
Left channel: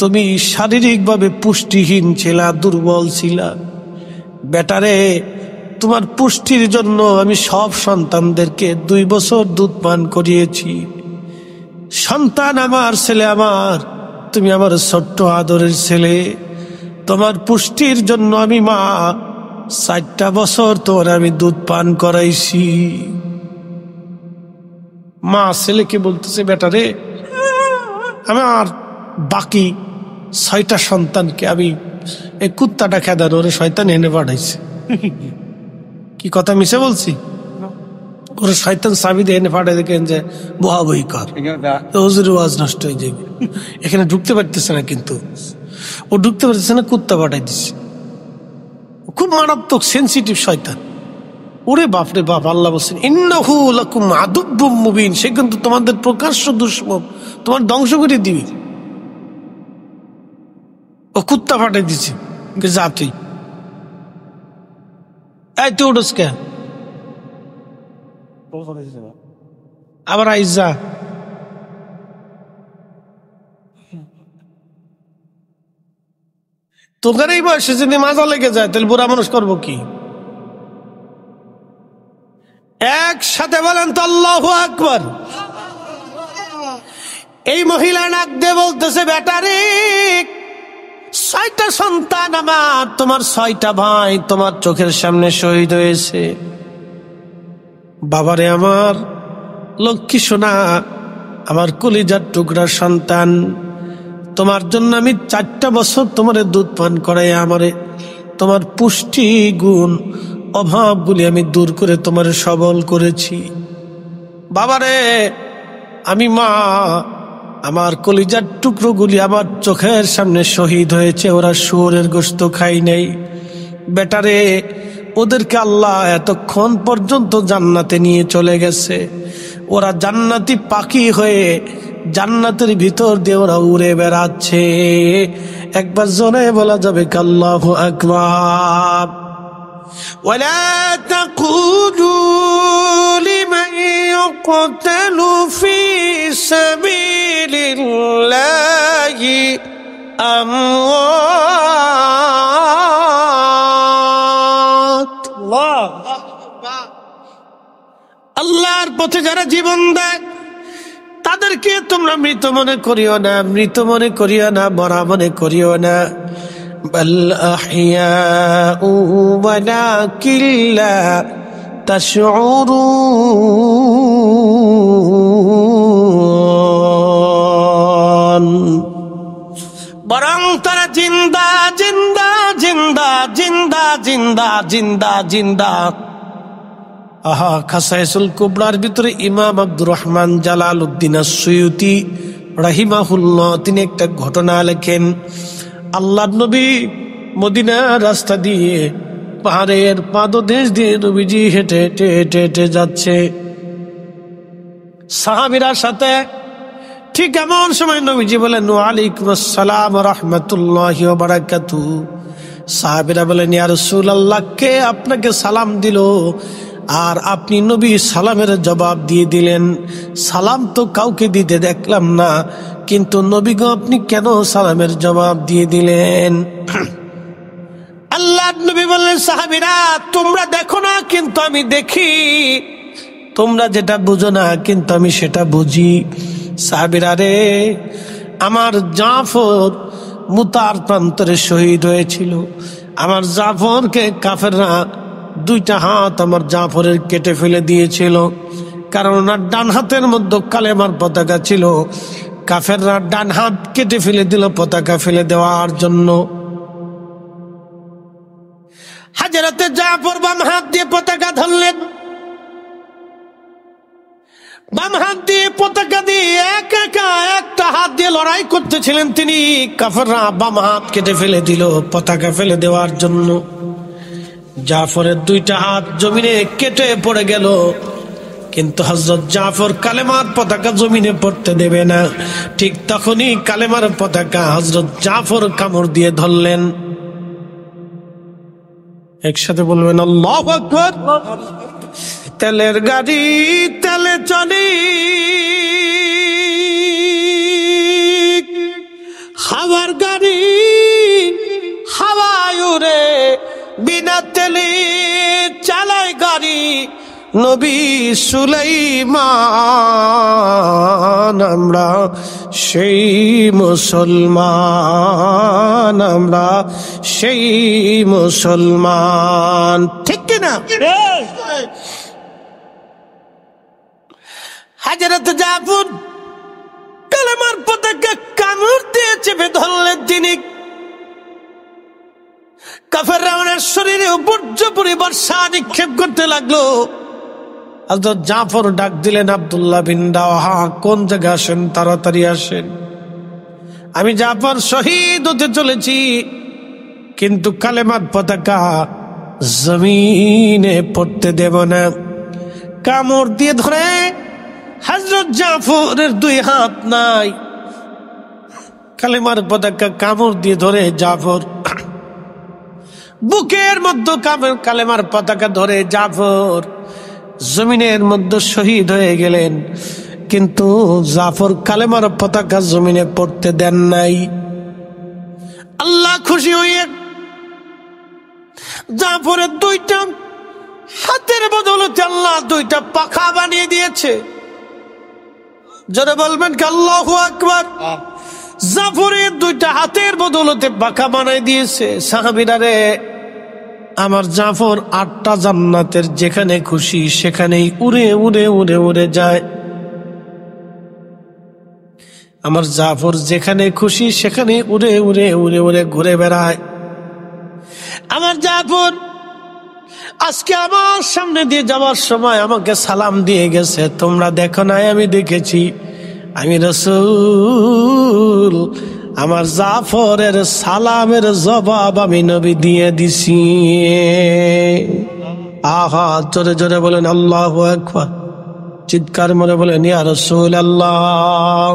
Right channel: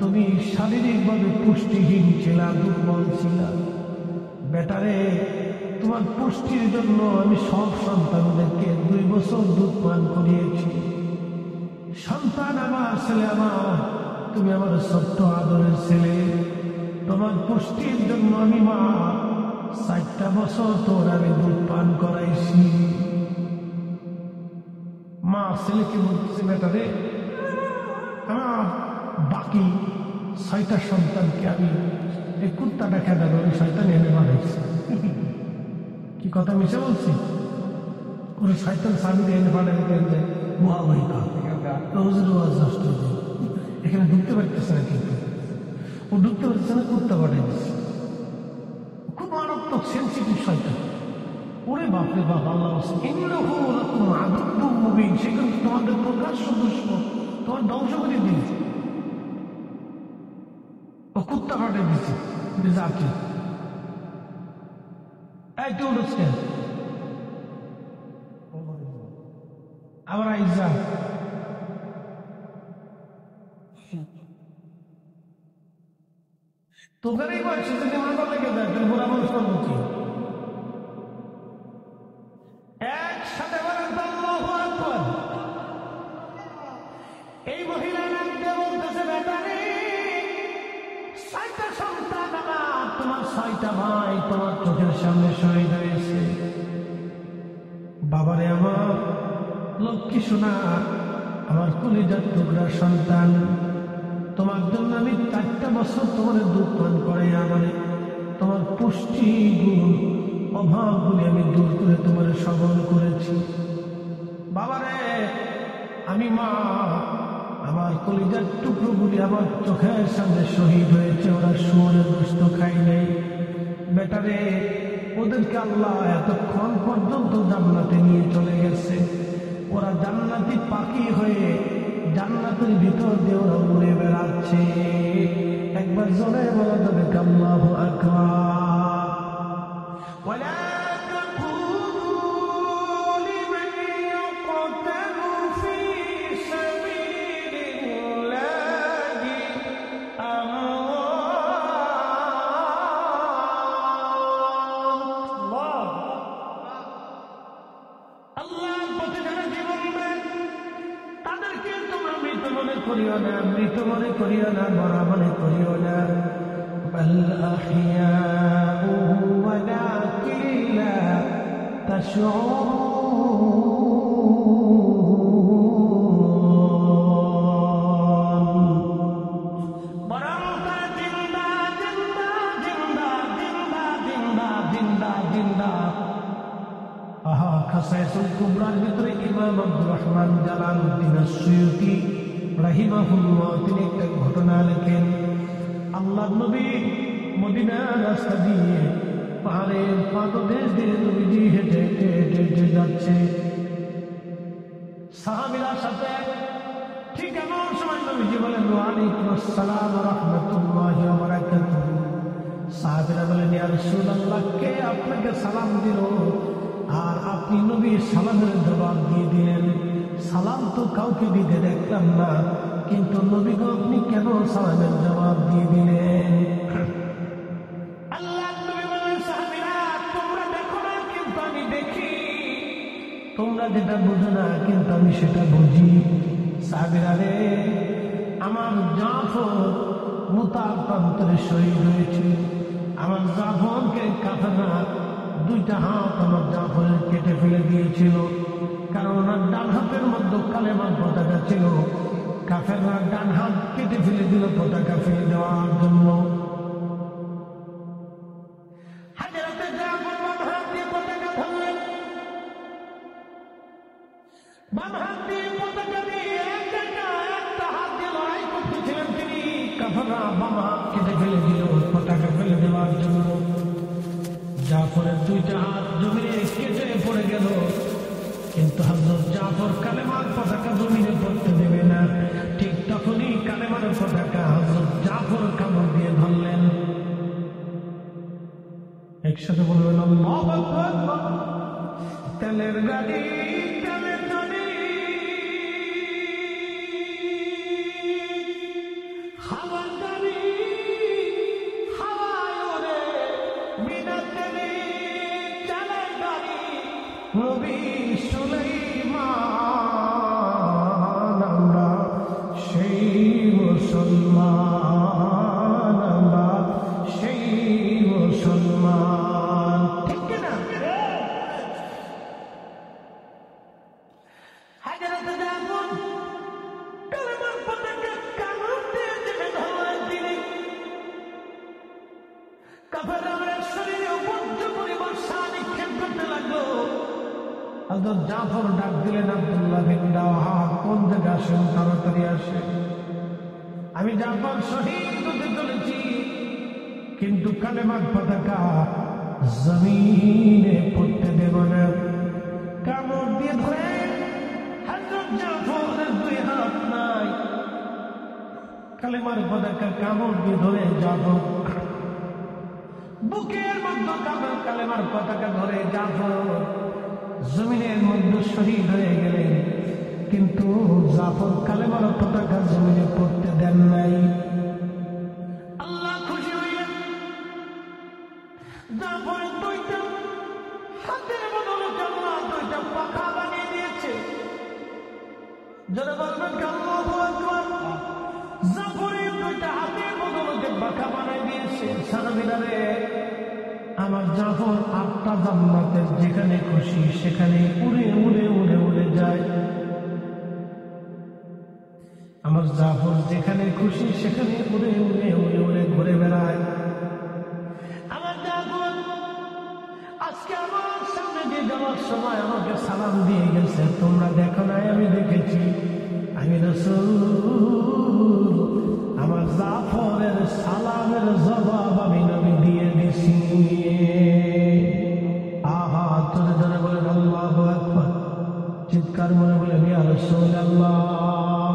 তুমি শারীরিকভাবে পুষ্টিহীন ছিলা, দুর্বল ছিলা। বেটারে, তোমার পুষ্টির জন্য আমি সব সন্তানদেরকে 2 বছর দুধ পান করিয়েছি। সন্তান আমার, ছেলে আমার, তুমি আমার ছোট্ট আদরের ছেলে, তোমার পুষ্টির জন্য আমি মা 4টা বছর তোর আমি দুধ পান করাইছি। মা ছেলেকে বলতেছে, বেটারে, আমার বাকি 6টা সন্তানকে আমি এই কুত্তাটা খেদার ওরে শয়তান এনে পাঠাইছে। কি কথা মিশে বলছি? ওরে শয়তান চাবি দিয়ে এনে পাঠাই দেখেন যে বহা বই কর, হুজুরের ওয়াজ নষ্ট হয়ে যাবে। এখানে ঢুকতে পারতেছে না, কিন্তু ও ঢুকতে পারতেছে না, কুত্তা পাঠাই দিচ্ছে। খুব মারাত্মক সেন্সিটিভ শয়তান। ওরে বাপরে বাপ, আল্লাহ বলছেন ইন্নাহু লাকুম আদুব্বুম মুবিন, সে কিন্তু তোমাদের প্রকাশ্য দুশমন, তোমার ধ্বংস করে দিবি। ও কুত্তা পাঠাই দিচ্ছে, যা তুই তুই উঠোস কে, আবার আইসা তোকার এই বয়সে যদি মাজা লেগে যায় তাহলে বুড়া মানুষ করবো কি? একসাথে বলেন তো আল্লাহু আকবার। এই মহিলা ডাক দিয়ে বলতেছে, বেটারে 6টা সন্তান আমার, তোমার 6টা ভাই তোমার চোখের সামনে শহীদ হয়েছে। বাবারে আমার লক্ষ্মী সোনা, আমার কলিজার টুকরার সন্তান, তোমার জন্য আমি 4টা বছর তোমার দুধ পান করাই আমারে তোমার পুষ্টি গুণ অভাবগুলি আমি দূর করে তোমার সবল করেছি। বাবারে আমি মা, আমার কলিজার টুকরোগুলি আমার চোখের সামনে শহীদ হয়েছে, ওরা শুয়োরের গোশত খাই নাই। বেটারে ওদেরকে আল্লাহ এতক্ষণ পর্যন্ত জান্নাতে নিয়ে চলে গেছে, ওরা জান্নাতি পাখি হয়ে জান্নাতের ভিতর দিয়ে ওরা উড়ে বেড়াচ্ছে। একবার জোরে বলা যাবে আল্লাহু আকবার। ওয়ালা তাকুলু লিমান ইউকতালু ফি সাবিলিল্লাহি আমওয়াত। আল্লাহর পথে যারা জীবন দেয় তাদেরকে তোমরা মৃত মনে করিও না, মৃত মনে করিও না, মরা মনে করিও না। বাল আহইয়াউ ওয়ালাকিন লা তাশউরুন। বরং তারা জিন্দা জিন্দা জিন্দা জিন্দা জিন্দা জিন্দা জিন্দা। আহা, খাসাইসুল কুবরার ভিতরে ইমাম আব্দুর রহমান জালালউদ্দিন আস-সুয়ুতি রাহিমাহুল্লাহ তিনি একটা ঘটনা লেখেন। আল্লাহর নবী মদিনার রাস্তা দিয়ে পাহাড়ের পাদদেশ দিয়ে নবীজি হেঁটে হেঁটে হেঁটে হেঁটে যাচ্ছে সাহাবীরা সাথে। ঠিক এমন সময় নবীজি বলেন, ওয়ালাইকুম আসসালাম ওয়া রাহমাতুল্লাহি ওয়া বারাকাতুহু। সাহাবীরা বলেন, ইয়া রাসূলুল্লাহ, কে আপনাকে সালাম দিল? আর আপনি নবী সালামের জবাব দিয়ে দিলেন। সালাম তো কাউকে দিতে দেখলাম না, কিন্তু নবী গো আপনি কেন সালামের জবাব দিয়ে দিলেন? আল্লাহর নবী বললেন, সাহাবীরা তোমরা দেখো না কিন্তু আমি দেখি, তোমরা যেটা বুঝো না কিন্তু আমি সেটা বুঝি। সাহাবীরা রে, আমার জাফর মুতার প্রান্তরে শহীদ হয়েছিল। আমার জাফরকে কাফেররা 2টা হাত আমার জাফরের কেটে ফেলে দিয়েছিল, কারণ ওনার ডান হাতের মধ্যে কালেমার পতাকা ছিল। কাফেররা ডান হাত কেটে ফেলে দিল পতাকা ফেলে দেওয়ার জন্য। হাজরতে জাফর বাম হাত দিয়ে পতাকা ধরলেন, বাম হাত দিয়ে পতাকা দিয়ে একটা হাত দিয়ে লড়াই করতেছিলেন তিনি। কাফেররা বাম হাত কেটে ফেলে দিল পতাকা ফেলে দেওয়ার জন্য। জাফরের 2টা হাত জমিনে কেটে পড়ে গেল, কিন্তু হযরত জাফর কালেমার পতাকা জমিনে পড়তে দেবে না। ঠিক তখনই কালেমার পতাকা হযরত জাফর কামড় দিয়ে ধরলেন। একসাথে বলবেন আল্লাহু আকবার। তেলের গাড়ি তেলে চলে, হাওয়ার গাড়ি হাওয়ায় উড়ে, বিনা তেলে চালায় গাড়ি নবী সুলাইমান। আমরা সেই মুসলমান, আমরা সেই মুসলমান, ঠিক কিনা? হযরত জাফর কালেমার পতাকা কামড় দিয়ে চেপে ধরলেন তিনি। কাফেররা ওনার শরীরে উপর্যুপরি বর্ষা নিক্ষেপ করতে লাগলো। হযরত জাফর ডাক দিলেন, আব্দুল্লাহ বিন রাওয়াহা, কোন জায়গায় আসেন, তাড়াতাড়ি আসেন। আমি জাফর শহীদ হতে চলেছি, কিন্তু কালেমার পতাকা জমিনে পড়তে দেব না। কামড় দিয়ে ধরে হযরত জাফরের 2 হাত নাই, কালেমার পতাকা কামড় দিয়ে ধরে জাফর বুকের মধ্যে কালেমার পতাকা ধরে জাফর জমিনের মধ্যে শহীদ হয়ে গেলেন। কিন্তু জাফর কালেমার পতাকা জমিনে পড়তে দেন নাই। আল্লাহ খুশি হয়ে জাফরের 2টা হাতের বদৌলতে আল্লাহ 2টা পাখা বানিয়ে দিয়েছে। যারা বলবেন কি আল্লাহু আকবার। জাফরের দুইটা হাতের বদৌলতে পাখা বানাই দিয়েছে। সাহাবীরা রে, আমার জাফর 8টা জান্নাতের যেখানে খুশি সেখানেই উড়ে উড়ে উড়ে উড়ে যায়। আমার জাফর যেখানে খুশি সেখানে উড়ে উড়ে উড়ে উড়ে ঘুরে বেড়ায়। আমার জাফর আজকে আমার সামনে দিয়ে যাওয়ার সময় আমাকে সালাম দিয়ে গেছে। তোমরা দেখো নাই, আমি দেখেছি। আমি রাসূল, আমার জাফরের সালামের জবাব আমি নবী দিয়ে দিছি। আহা, জোরে জোরে বলেন আল্লাহু আকবার। চিৎকার মনে বলেন ইয়া রাসূলুল্লাহ।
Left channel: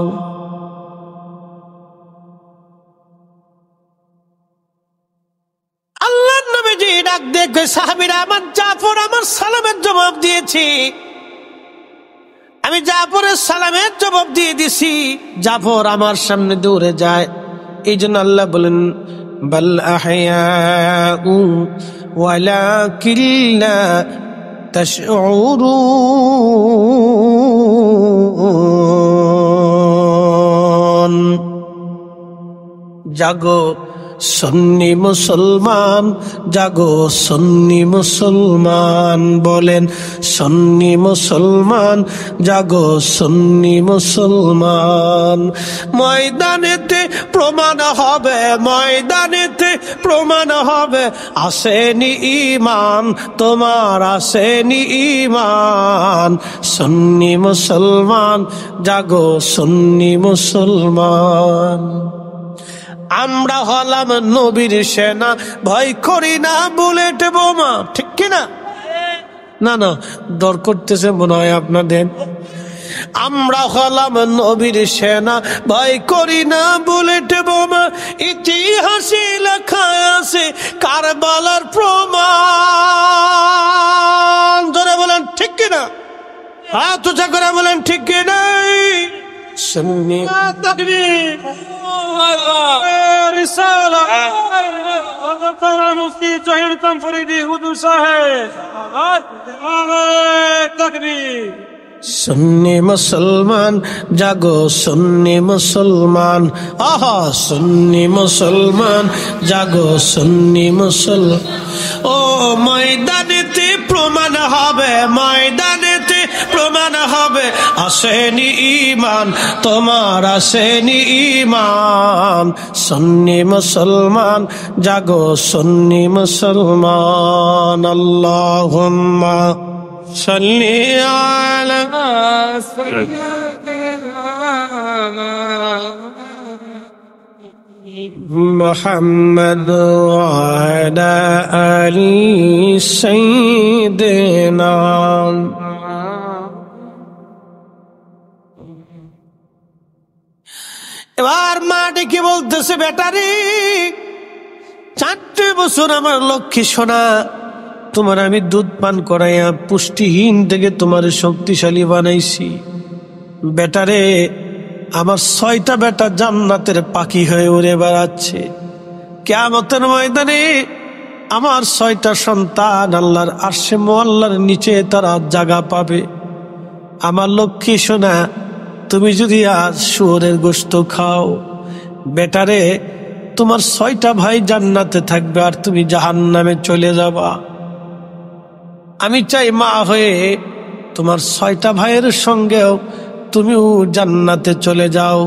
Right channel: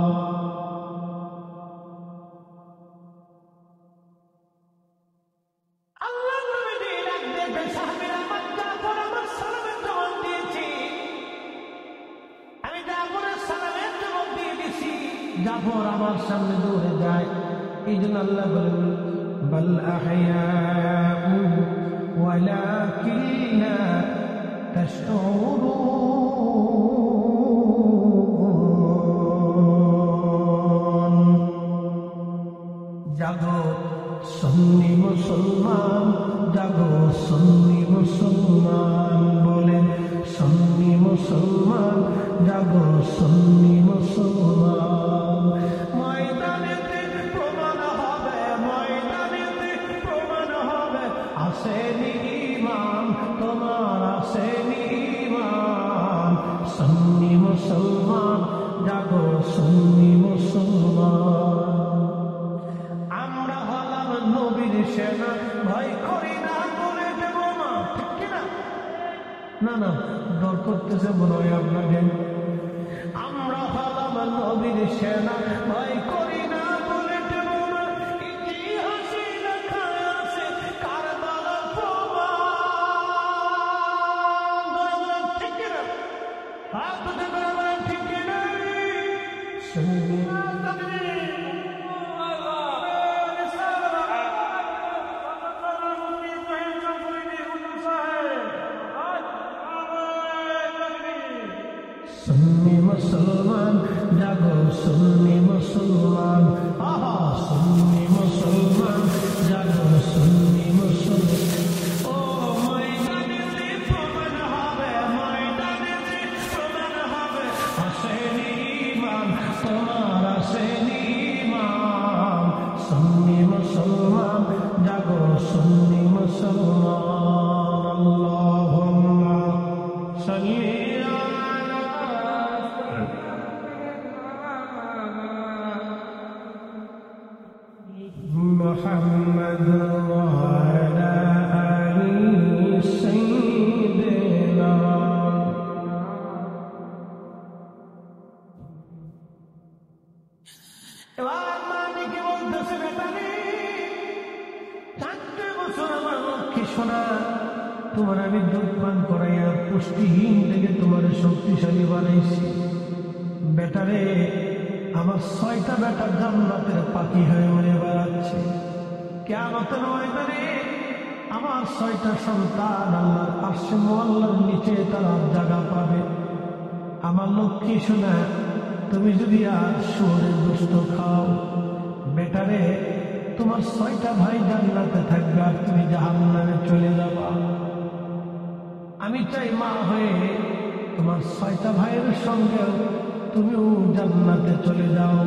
আল্লাহর নবীজি ডাক দেখে সাহাবীরা, আমার জাফর আমার সালামের জবাব দিয়েছি। আমি জাফরের সালামের জবাব দিয়ে দিছি। জাফর আমার সামনে দৌড়ে যায়। এই জন্য আল্লাহ বলেন বাল আহয়াউ ওয়ালাকিন লা তাশউরুন। জাগো সুন্নি মুসলমান, জাগো সুন্নি মুসলমান, বলেন সুন্নি মুসলমান, জাগো সুন্নি মুসলমান। ময়দানেতে প্রমাণ হবে, ময়দানেতে প্রমাণ হবে, আসেনি ঈমান তোমার, আসেনি ঈমান। সুন্নি মুসলমান, জাগো সুন্নি মুসলমান। আমরা হলাম নবীর সেনা, ভয় করি না বুলেট বোমা, ঠিক কিনা? না না, ডর করতেছে মনে হয় আপনাদের। আমরা হলাম নবীর সেনা, ভয় করি না বুলেট বোমা। ইতিহাসে লেখা আছে কারবালার প্রমাণ। জোরে বলেন ঠিক কিনা? হাত উঁচা করে বলেন ঠিক কিনা? সুন্নি তাকবীর رسالة مفتي جهير تنفريدي هدو صاحب تكبير। সুন্নি মুসলমান, জাগো সুন্নি মুসলমান। আহা, সুন্নি মুসলমান, জাগো সুন্নি মুসলমান। ও ময়দানেতে প্রমাণ হবে, ময়দানেতে প্রমাণ হবে, আসেনি ঈমান তোমার, আসেনি ঈমান। সুন্নি মুসলমান, জাগো সুন্নি মুসলমান। আল্লাহুম্মা সাল্লি আলা মুহাম্মদ ওয়া আলা আলি সাইয়্যিদিনা। এবার মা ডেকে বলতেছে, বেটারি 4 বছর আমার লক্ষ্মী সোনা, তোমার আমি দুধ পান করাইয়া পুষ্টিহীন থেকে তোমার শক্তিশালী বানাইছি। বেটারে, আমার 6টা বেটা জান্নাতের পাখি হয়ে উড়ে বেড়াচ্ছে। কিয়ামতের ময়দানে আমার 6টা সন্তান আল্লাহর আরশে মুআল্লার নিচে তারা জায়গা পাবে। আমার লক্ষ্মী সোনা, তুমি যদি আজ শুয়োরের গোশত খাও, বেটারে তোমার 6টা ভাই জান্নাতে থাকবে আর তুমি জাহান্নামে চলে যাবা। আমি চাই মা হয়ে তোমার 6টা ভাইয়ের সঙ্গেও তুমিও জান্নাতে চলে যাও।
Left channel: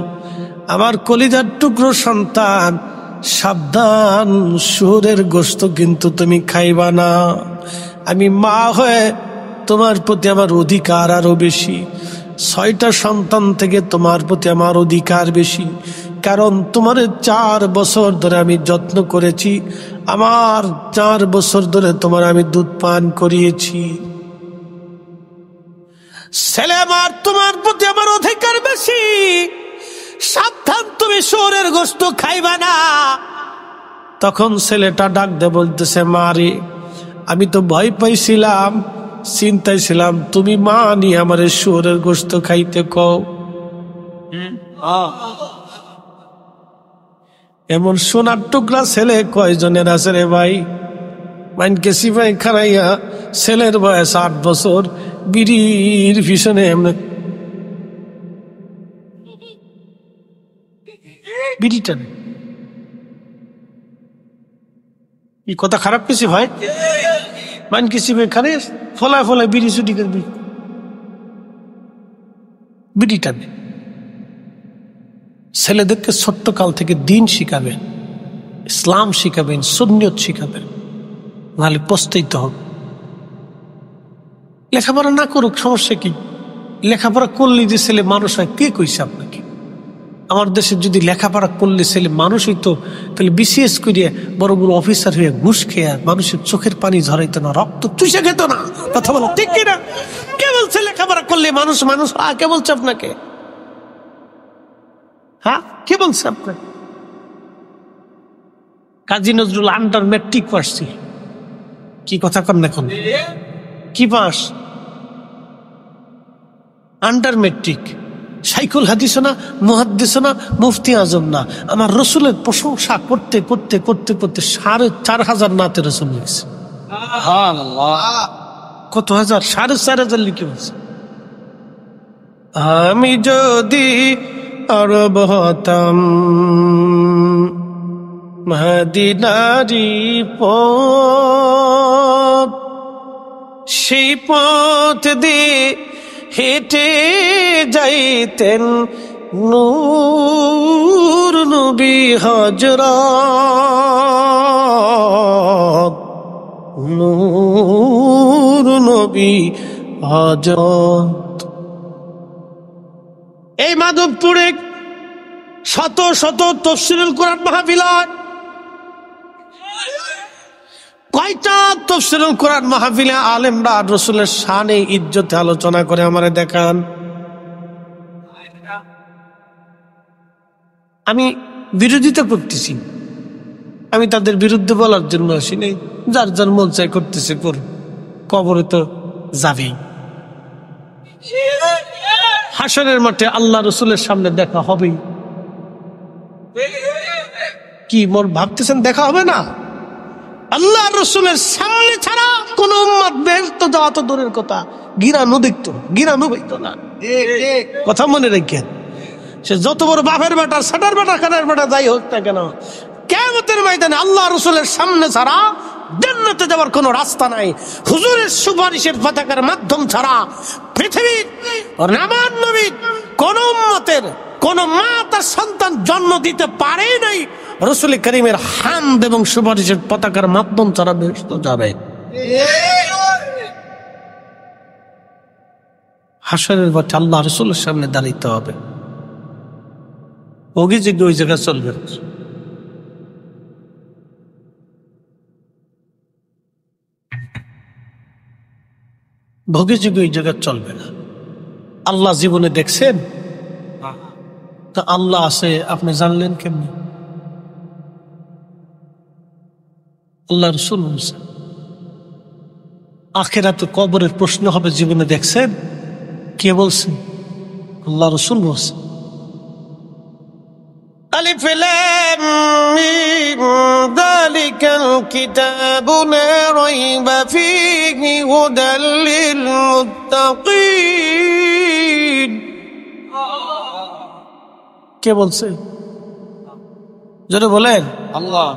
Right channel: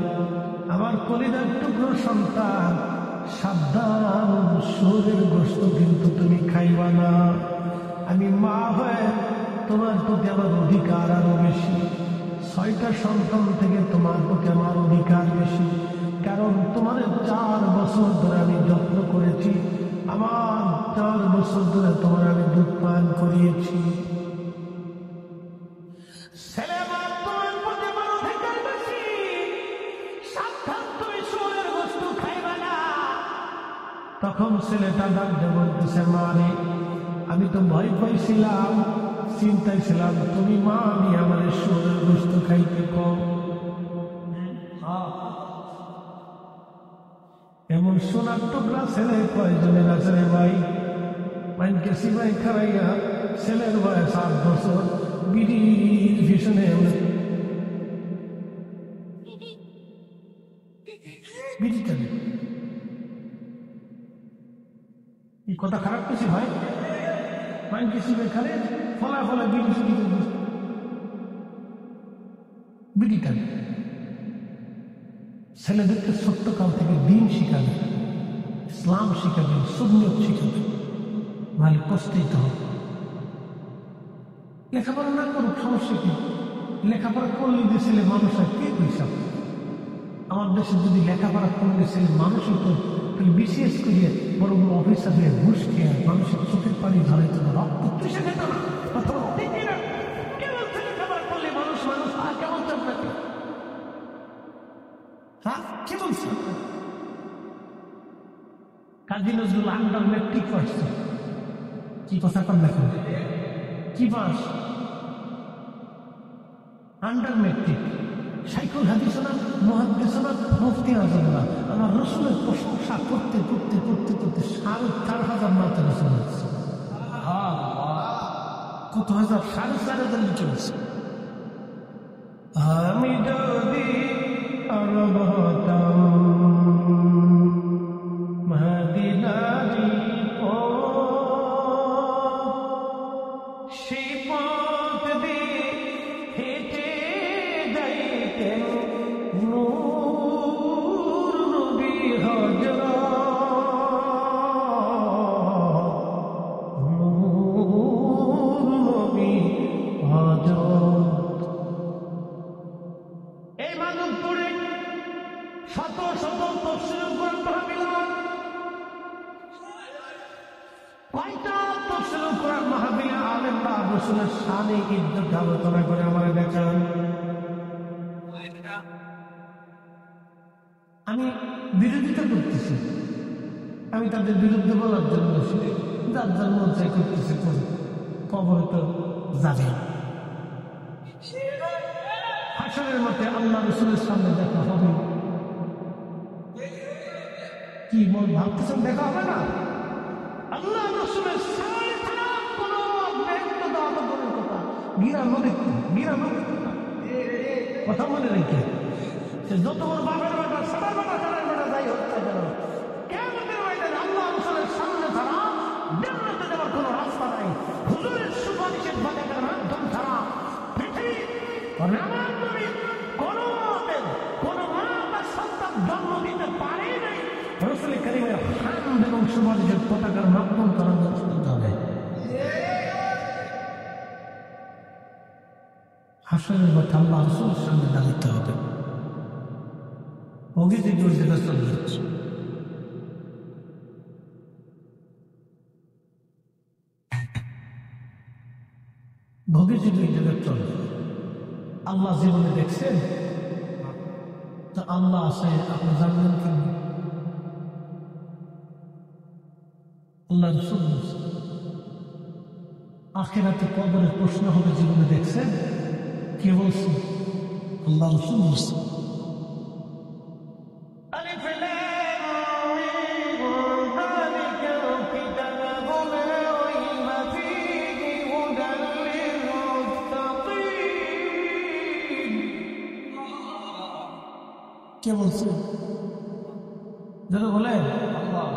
আমার কলিজার টুকরো সন্তান, সাবধান, শুয়োরের গোশত কিন্তু তুমি খাইবা না। আমি মা হয়ে তোমার প্রতি আমার অধিকার আরো বেশি। 6টা সন্তান থেকে তোমার প্রতি আমার অধিকার বেশি, কারণ তোমার 4 বছর ধরে আমি যত্ন করেছি। আমার 4 বছর ধরে তোমার আমি দুধ পান করিয়েছি। ছেলে আমার, তোমার প্রতি আমার অধিকার বেশি। সাবধান, তুমি শুয়োরের গোশত খাইবা না। তখন ছেলেটা ডাক দে বলতেছে, মারে আমি তো ভয় পাইছিলাম, চিন্তায় ছিলাম, তুমি মা নিয়ে আমার শুয়োরের গোশত খাইতে কও। এমন সোনার টুকরা ছেলে কয়জনের আছে রে ভাই? মাইনকে সিপাই খারাইয়া ছেলের বয়স 8 বছর, বিড়ির পিছনে বিড়ি টানে। এই কথা খারাপ কিছু ভাই, মান কিছু খারে ফলায় ফলায় বিড়ি ছুটি করবি, বিড়ি টানে। ছেলেদেরকে ছোট্ট কাল থেকে দিন শিখাবেন, ইসলাম শিখাবেন, সুন্নিয়ত শিখাবেন, নাহলে পস্তাইতে হবে। লেখাপড়া না করুক, সমস্যা কি? লেখাপড়া করলে যে ছেলে মানুষ হয়, কে কইছে আপনাকে? আমার দেশে যদি লেখাপড়া করলে ছেলে মানুষ হইতো, তাহলে বিসিএস করিয়ে বড় বড় অফিসার হয়ে ঘুষ খেয়ে মানুষের চোখের পানি ঝরাইতো না, রক্ত চুষে খেত না। কথা বলো ঠিক কিনা? কে বলছে লেখাপড়া করলে মানুষ মানুষ? কে বলছে আপনাকে? হ্যাঁ, কে বলছে আপনাকে? Kazi Nazrul under matric pass ছিল। কি কথা কন এখন? কি পাস? Under matric. শাইখুল হাদিস না, মুহাদ্দিস না, মুফতি আজম না। আমার রসুলের প্রশংসা করতে করতে করতে করতে 4,500 নাতে রসুল লিখছে। কত হাজার? 4,500 লিখে বলছে। আমি যদি আরব হতাম, মদিনারি পথ, সেই পথ দিয়ে হেঁটে যাইতেন নূর নবী হযরত, নূর নবী হযরত। এই মাধবপুরে শত শত তাফসীরুল কোরআন মাহফিল হয়। কয়টা তাফসীরুল কোরআন মাহফিলে আলেমরা রাসূলের শানে ইজ্জতে আলোচনা করে? আমারে দেখান। আমি বিরোধিতা করতেছি, আমি তাদের বিরুদ্ধে বলার জন্য আসি নাই। যার যার মন চাই করতেছে করুন, কবরে তো যাবেই। হাসরের মাঠে আল্লাহ রসুলের সামনে দেখা হবেই। কি মোর ভাবতেছেন দেখা হবে না? আল্লাহ রসুলের সামনে ছাড়া কোন উম্মত বেহেশতে যাওয়া তো দূরের কথা, গিরানো দেখতো, গিরানো হইতো না। কথা মনে রাখেন, সে যত বড় বাপের বেটা, সাটার বেটা, খানার বেটা যাই হোক না কেন, কিয়ামতের ময়দানে আল্লাহ রসুলের সামনে ছাড়া জান্নাতে যাওয়ার কোনো রাস্তা নাই। হুজুরের সুপারিশের পতাকার মাধ্যম ছাড়া পৃথিবীর নামান নবীর কোন উম্মতের কোন মা তার সন্তান জন্ম দিতে পারে নাই রসুল করিমের হামদ এবং সুপারিশের পতাকার মাধ্যম ছাড়া বেহেশতে যাবে। হাসরের মাঠে আল্লাহ রসুলের সামনে দাঁড়াইতে হবে। ওই জায়গায় চলবে। ভোগে যুগে ওই জায়গা চলবে না। আল্লাহ জীবনে দেখছেন? তা আল্লাহ আছে আপনি জানলেন কেমনি? আল্লাহ রসুল বলছে আখিরাতে কবরের প্রশ্ন হবে, জীবনে দেখছেন? কে বলছে? আল্লাহ রসুল বলছে। আলিফ লাম মিম যালিকাল কিতাবু লা রাইবা ফীহি হুদাল লিল মুত্তাকিন। কে বলছে? যারা বলেন আল্লাহ।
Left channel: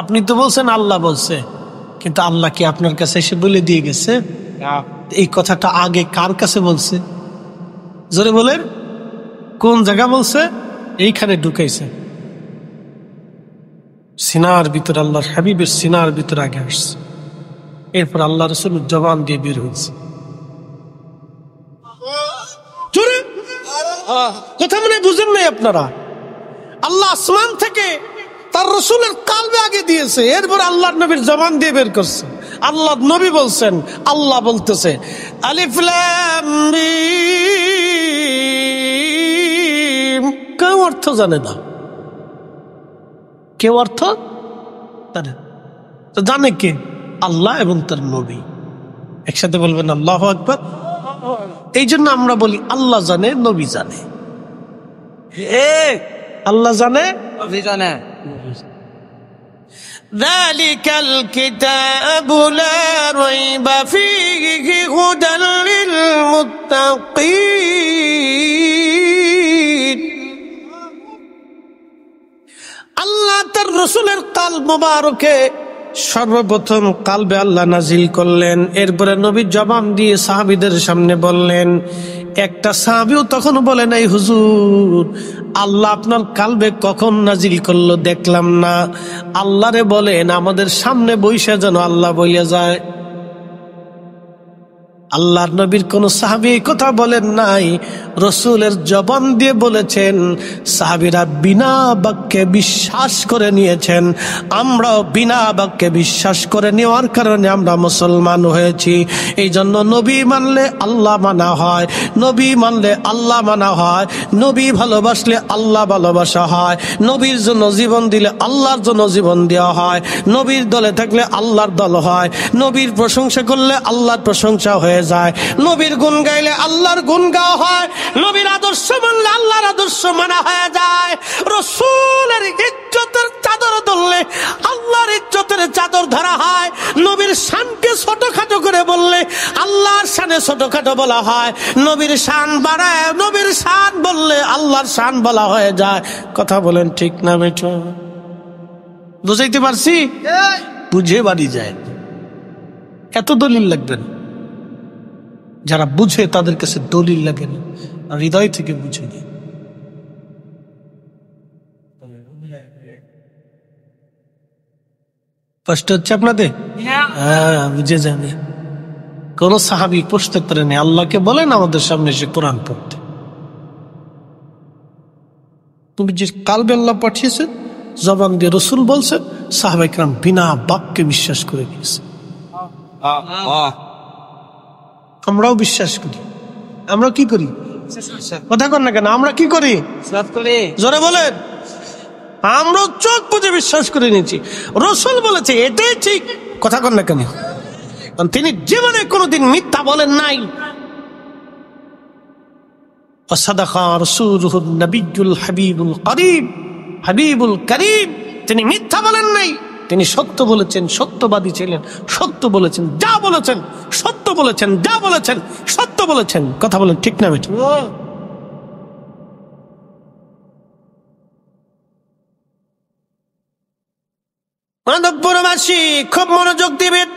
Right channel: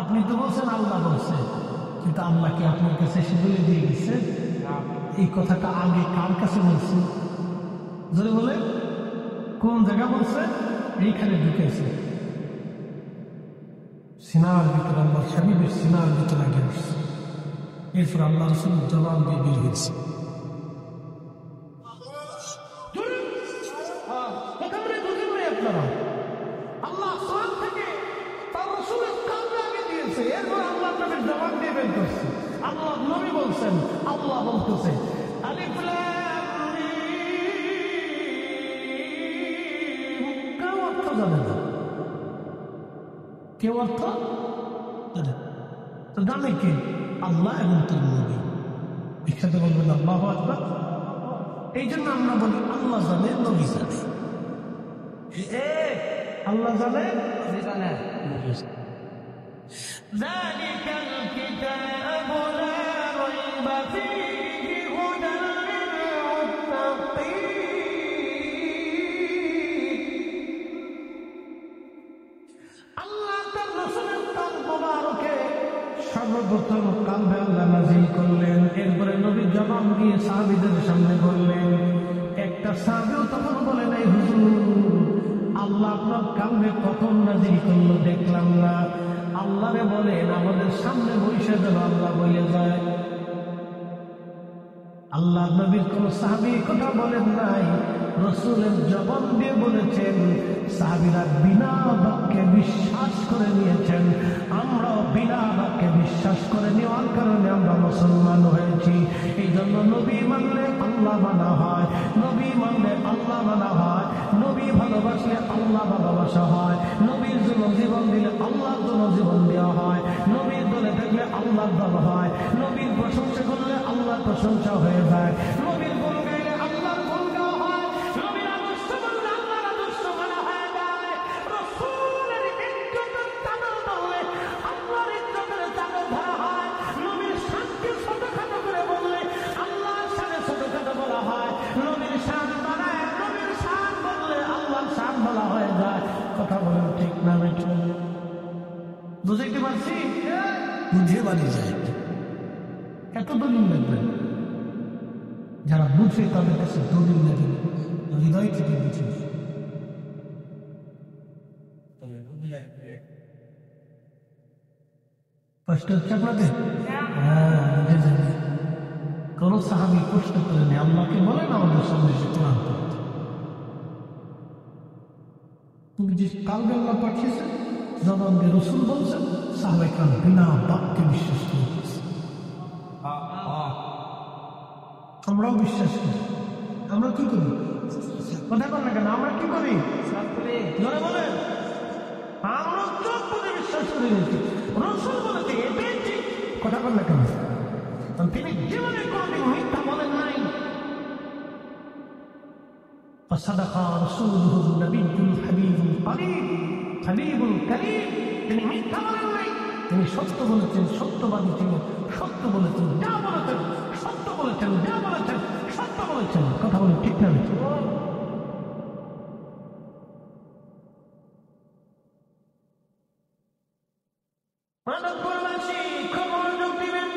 আপনি তো বলছেন আল্লাহ বলছে, কিন্তু আল্লাহ কি আপনার কাছে এসে বলে দিয়ে গেছে? এই কথাটা আগে কার কাছে বলছে? জোরে বলেন, কোন জায়গা বলছে? এইখানে ঢুকাইছে, সিনার ভিতরে, আল্লাহর হাবিবের সিনার ভিতরে আগে আসছে, এরপর আল্লাহ রসুল জবান দিয়ে বের হয়েছে। কথা মনে বুঝেন নাই আপনারা? আল্লাহ আসমান থেকে তার রসুলের কালবে আগে দিয়েছে, এরপর আল্লাহ নবীর জবান দিয়ে বের করছে। আল্লাহ নবী বলছেন, আল্লাহ বলতেছে আলিফ লাম মিম। কেউ অর্থ জানে না, কেউ অর্থ জানে তো জানে কে? আল্লাহ এবং তার নবী। একসাথে বলবেন আল্লাহু আকবার। এই জন্য আমরা বলি আল্লাহ জানে, নবী জানে। আল্লাহ জানে, নবী জানে। যালিকাল কিতাবু লা রাইবা ফীহি হুদাল লিল মুত্তাকিন। রসুলের কালব মোবারকে সর্বপ্রথম কালবে আল্লাহ নাজিল করলেন। এরপরে নবী জবাব দিয়ে সাহাবীদের সামনে বললেন। একটা সাহাবীও তখন বলে নাই, হুজুর আল্লাহ আপনার কালবে কখন নাজিল করলো দেখলাম না, আল্লাহরে বলেন আমাদের সামনে বইসা যেন আল্লাহ বইয়া যায়। আল্লাহর নবীর কোন সাহাবী এই কথা বলেন নাই, রসুলের জবান দিয়ে বলেছেন। সাহাবীরা বিনা বাক্যে বিশ্বাস করে নিয়েছেন। আমরাও বিনা বাক্যে বিশ্বাস করে নেওয়ার কারণে আমরা মুসলমান হয়েছি। এই জন্য নবী মানলে আল্লাহ মানা হয়, নবী মানলে আল্লাহ মানা হয়, নবী ভালোবাসলে আল্লাহ ভালোবাসা হয়, নবীর জন্য জীবন দিলে আল্লাহর জন্য জীবন দেওয়া হয়, নবীর দলে থাকলে আল্লাহর দল হয়, নবীর প্রশংসা করলে আল্লাহর প্রশংসা হয়ে যায়, নবীর গুণ গাইলে আল্লাহর গুণ গাওয়া হয়, নবীর আদর্শ মানলে আল্লাহর আদর্শ মানা হয়ে যায়। রসুলের ইজ্জতের চাদর ধরলে আল্লাহর ইজ্জতের চাদর ধরা হয়। নবীর শানকে ছোটখাটো করে বললে আল্লাহর শানে ছোটখাটো বলা হয়। নবীর শান বাড়ায় নবীর শান বললে আল্লাহর শান বলা হয়ে যায়। কথা বলেন ঠিক না বেটো? বুঝাইতে পারছি? বুঝে বাড়ি যায়, এত দলিল লাগবেন। যারা বুঝে তাদের কাছে দলিল লাগে না, হৃদয় থেকে বুঝে নি। কষ্ট হচ্ছে আপনাদের? হ্যাঁ, বুঝে যাবে। কোন সাহাবী প্রশ্ন করেন আল্লাহকে বলেন আমাদের সামনে এসে কোরআন পড়তে। তুমি যে কালবে আল্লাহ পাঠিয়েছেন, জবান দিয়ে রসুল বলছেন, সাহাবায়ে কেরাম বিনা বাক্যে বিশ্বাস করে নিয়েছে। আমরাও বিশ্বাস করি। আমরা কি করি? কথা কর না কেন? আমরা কি করি? জোরে বলেন। আমরাও চোখ বুঝে বিশ্বাস করে নিয়েছি। রসুল বলেছে এটাই ঠিক। কথা কর না কেন? তিনি জীবনে কোনোদিন মিথ্যা বলেন নাই। ওয়াসাদাকা রাসূলুহুন নবিয়্যুল হাবিবুল করিম, হাবিবুল করিম। তিনি মিথ্যা বলেন নাই, তিনি সত্য বলেছেন, সত্যবাদী ছিলেন, সত্য বলেছেন, যা বলেছেন সত্য বলেছেন, যা বলেছেন সত্য বলেছেন। কথা বলেন ঠিক না বেঠিক? মানবপুরবাসী খুব মনোযোগ দিবেন।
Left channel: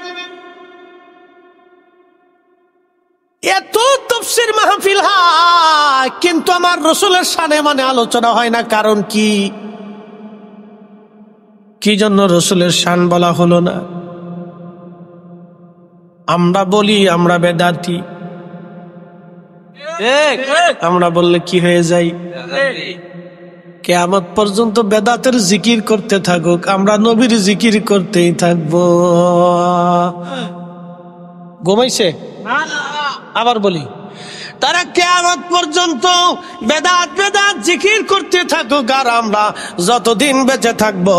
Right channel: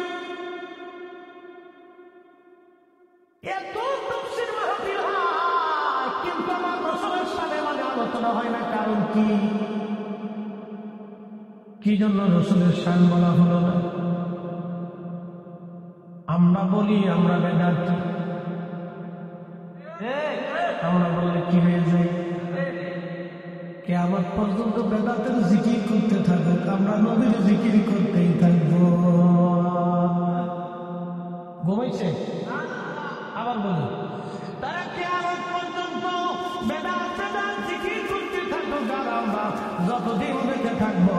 এত তাফসীর মাহফিল হয়, কিন্তু আমার রসুলের শানে মানে আলোচনা হয় না। কারণ কি? কি জন্য রসুলের শান বলা হলো না? আমরা বলি আমরা বেদাতি। আমরা বললে কি হয়ে যাই? কিয়ামত পর্যন্ত বেদাতের জিকির করতে থাকুক, আমরা নবীর জিকির করতেই থাকবো। ঘুমাইছে? আবার বলি, তারা কিয়ামত পর্যন্ত বেদাত বেদাত জিকির করতে থাকুক, আর আমরা যতদিন বেঁচে থাকবো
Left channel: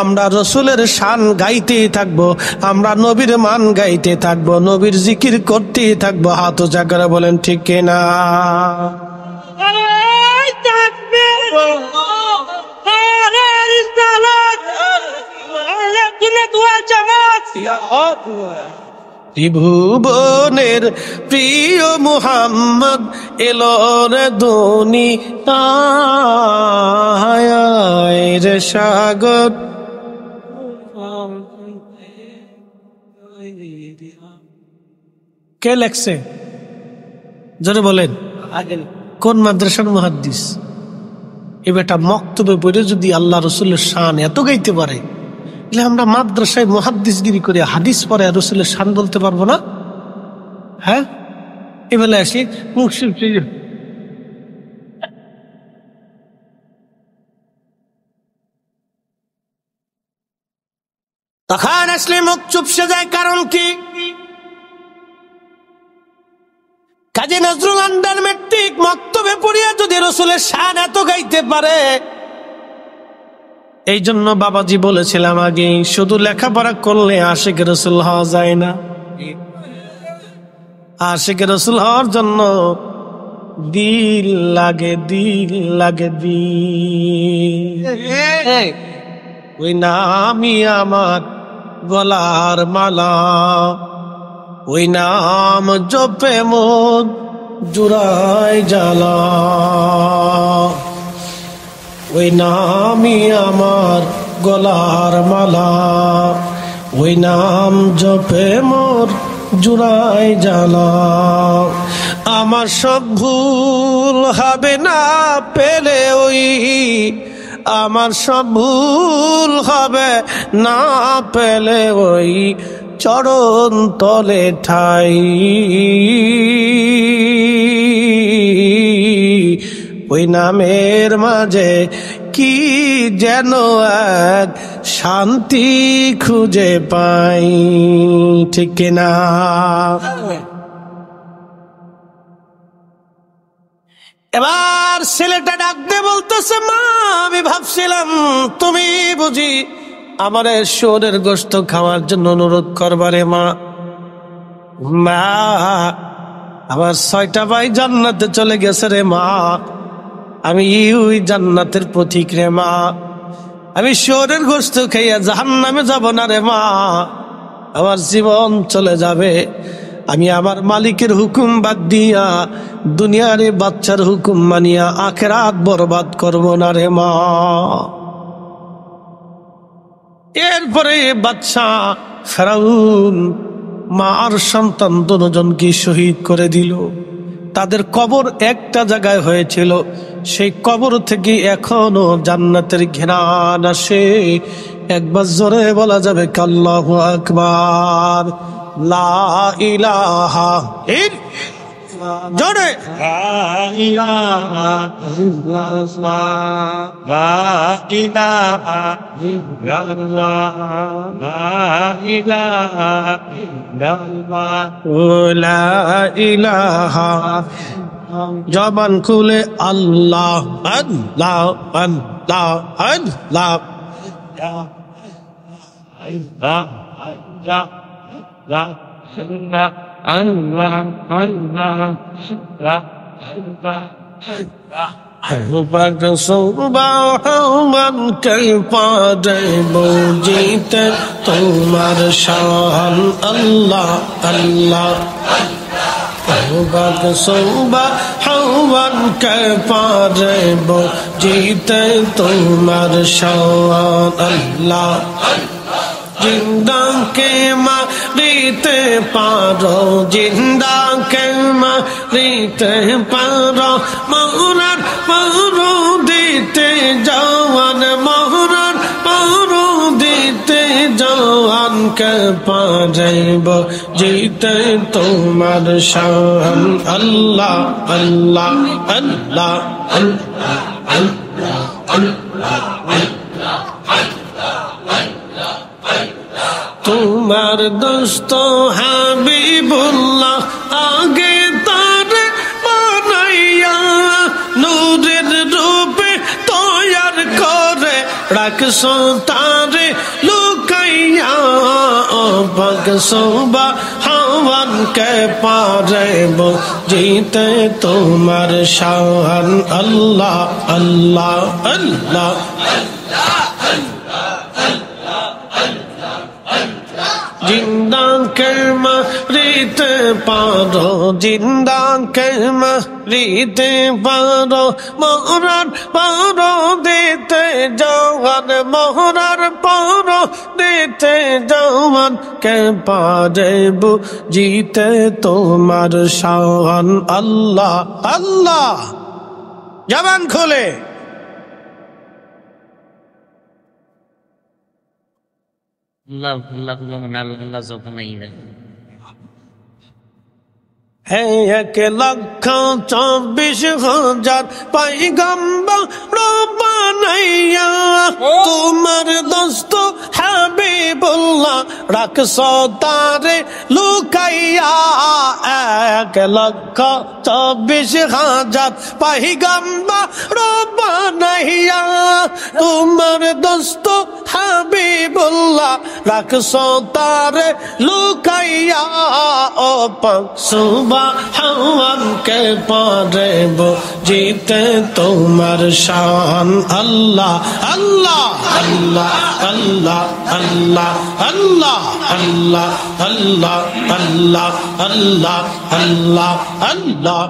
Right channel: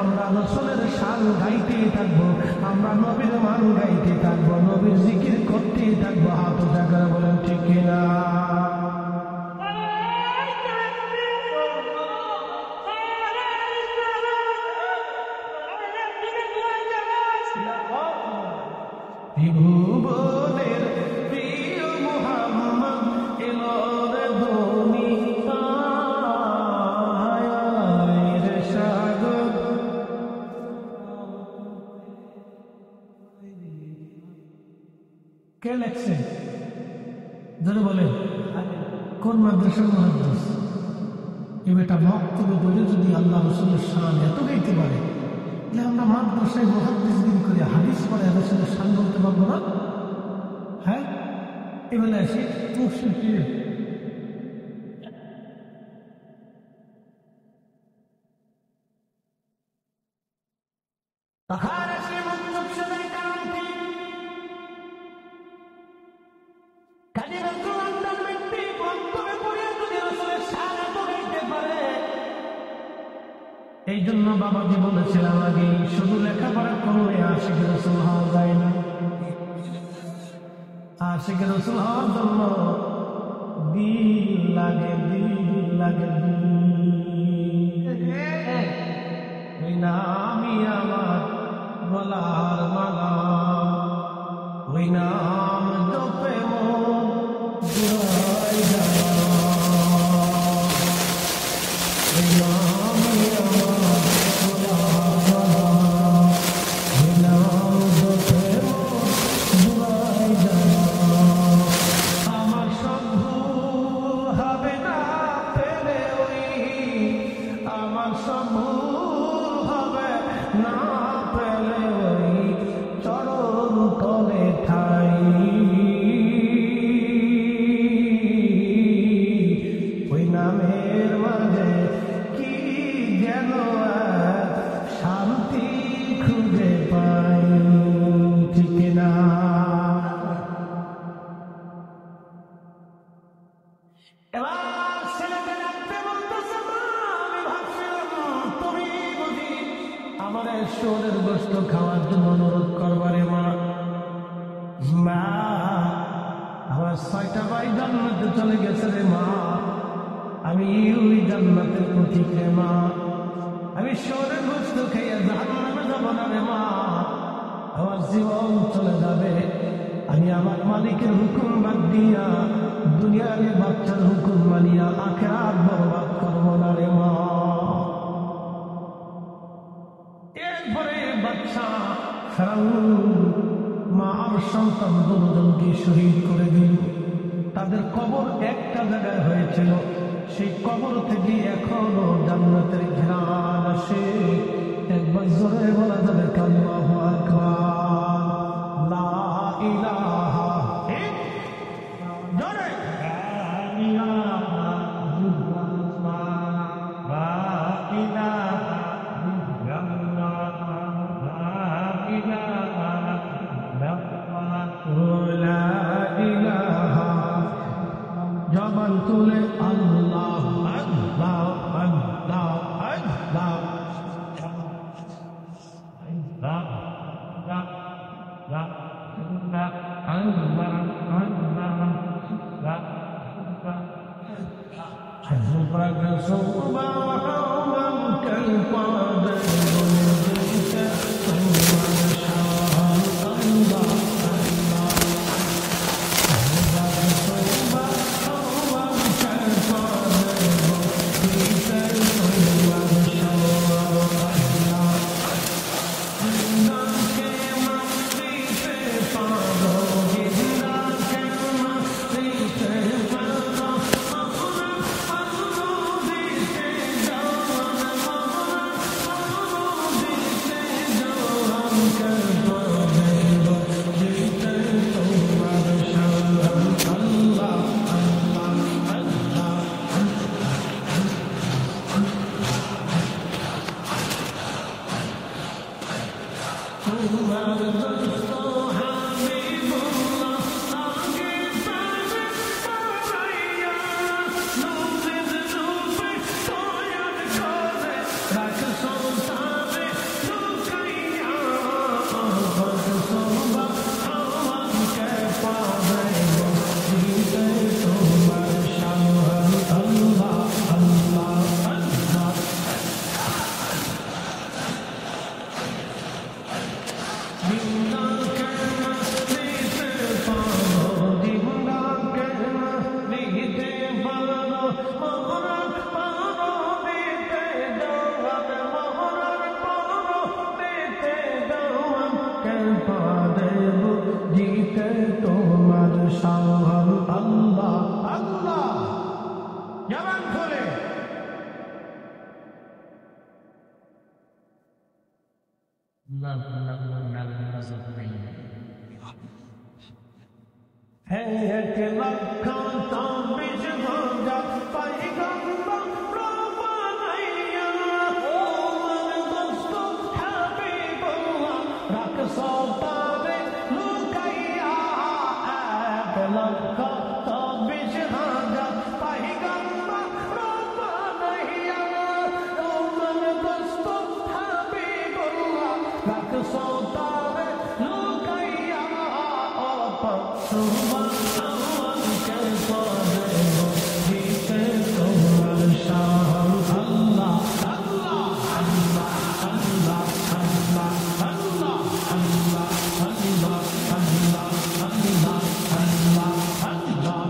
আমরা রসুলের শান গাইতেই থাকবো, আমরা নবীর মান গাইতে থাকবো, নবীর জিকির করতেই থাকবো। হাত উঁচা করে বলেন ঠিক কিনা? ত্রিভুবনের প্রিয় মুহাম্মদ এলো রে দুনিয়ায় রে সাগর। কে লেখছে? জোরে বলেন। কোন মাদ্রাসার মুহাদ্দিস? এ বেটা মক্তবে পড়ে যদি আল্লাহ রসুলের শান এত গাইতে পারে, আমরা মাদ্রাসায় মুহাদ্দিসগিরি করে হাদিস পড়ে রসুলের শান বলতে পারবো না? হ্যাঁ, এবেলা আসি তখন আসলে মুখ চুপসে যায়। কারণ কি? কাজী নজরুল আন্ডার মেট্রিক মক্তবে পড়িয়া যদি রসুলের শান এত গাইতে পারে, এই জন্য বাবাজি বলেছিলাম আগে, শুধু লেখাপড়া করলে আশিক রসুল হওয়া যায় না। আশিক রসুল হওয়ার জন্য দিল লাগে, দিল লাগে, দিল। ওই নামই আমার গলার মালা, ওই নাম জপে মন জুড়াই জ্বালা, ওই নামই আমার গলার মালা, ওই নাম জপে মোর জুড়াই জ্বালা। আমার সব ভুল হবে না পেলে ওই, আমার সব ভুল হবে না পেলে ওই চরণ তলে ঠাই। ওই নামের মাঝে কি যেন এক শান্তি খুঁজে পাই, ঠিক না? এবার ছেলেটা ডাকতে বলতেছে, মা আমি ভাবছিলাম তুমি বুঝি আমার শুয়োরের গোশত খাওয়ার জন্য অনুরোধ করবারে। মা মা আমার 6টা ভাই জান্নাতে চলে গেছে রে মা, আমি ওই জান্নাতের পথিক রে মা, আমি শুয়োরের গোশত খাইয়া জাহান্নামে যাব না রে মা, আমার জীবন চলে যাবে, আমি আমার মালিকের হুকুম বাদ দিয়া দুনিয়ার বাচ্চার হুকুম মানিয়া আখিরাত বরবাদ করব না রে মা। এরপরে বাদশা ফেরাউন মা আর সন্তান দুজনকে শহীদ করে দিল। তাদের কবর একটা জায়গায় হয়েছিল, সেই কবর থেকে এখনো জান্নাতের ঘ্রাণ আসে। একবার জোরে বলা যাবে আল্লাহু আকবার, লা ইলাহা ইল্লাল্লাহ, জোরে লা ইলাহা ইল্লাল্লাহ, লা ইলাহা ইল্লাল্লাহ, লা ইলাহা ইল্লাল্লাহ, লা ইলাহা। জবান খুলে আল্লাহ আল্লাহ আল্লাহ আল্লাহ, বুঝিতে তোমার শান আল্লাহ আল্লাহ, হাওয়ান কে পারে বুঝিতে তোমার শান আল্লাহ। জিন্দা কে মারিতে পারো, জিন্দা কে মারিতে পারো, মরার পারো দিতে জওয়ান, মরার পারো দিতে জওয়ান কে পারেব জিতে তোমার শান আল্লাহ আল্লাহ আল্লাহ আল্লাহ আল্লাহ। তোমার দোস্ত হাবিবুল্লাহ আগে তার বানাইয়া নূরের রূপে তৈয়ার করে রাখছো তারে লুকাইয়া। ও পাক সুবহান কে পারেব জিতে তোমার শান আল্লাহ আল্লাহ আল্লাহ। জিন্দা কেমা রিতে পারো, জিন্দা কেমা রিতে পারো, মহরার পারো দিতে জওয়ান, মহরার পারো দিতে জওয়ান কে পারেব জিতে তোমার শান আল্লাহ আল্লাহ। জবান খোলে হে 1,24,000 পয়গম্বর বানাইয়া তোমার দোস্ত হাবিবুল্লাহ রাখছো তারে লুকাইয়া। 1,24,000 পয়গম্বর বানাইয়া তোমার দোস্ত হাবিবুল্লাহ রাখছো তারে লুকাইয়া। ও পাক সুবহান কে পারেব জিতে তোমার শান আল্লাহ আল্লাহ আল্লাহ আল্লাহ আল্লাহ আল্লাহ আল্লাহ আল্লাহ আল্লাহ আল্লাহ আল্লাহ আল্লাহ আল্লাহ আল্লাহ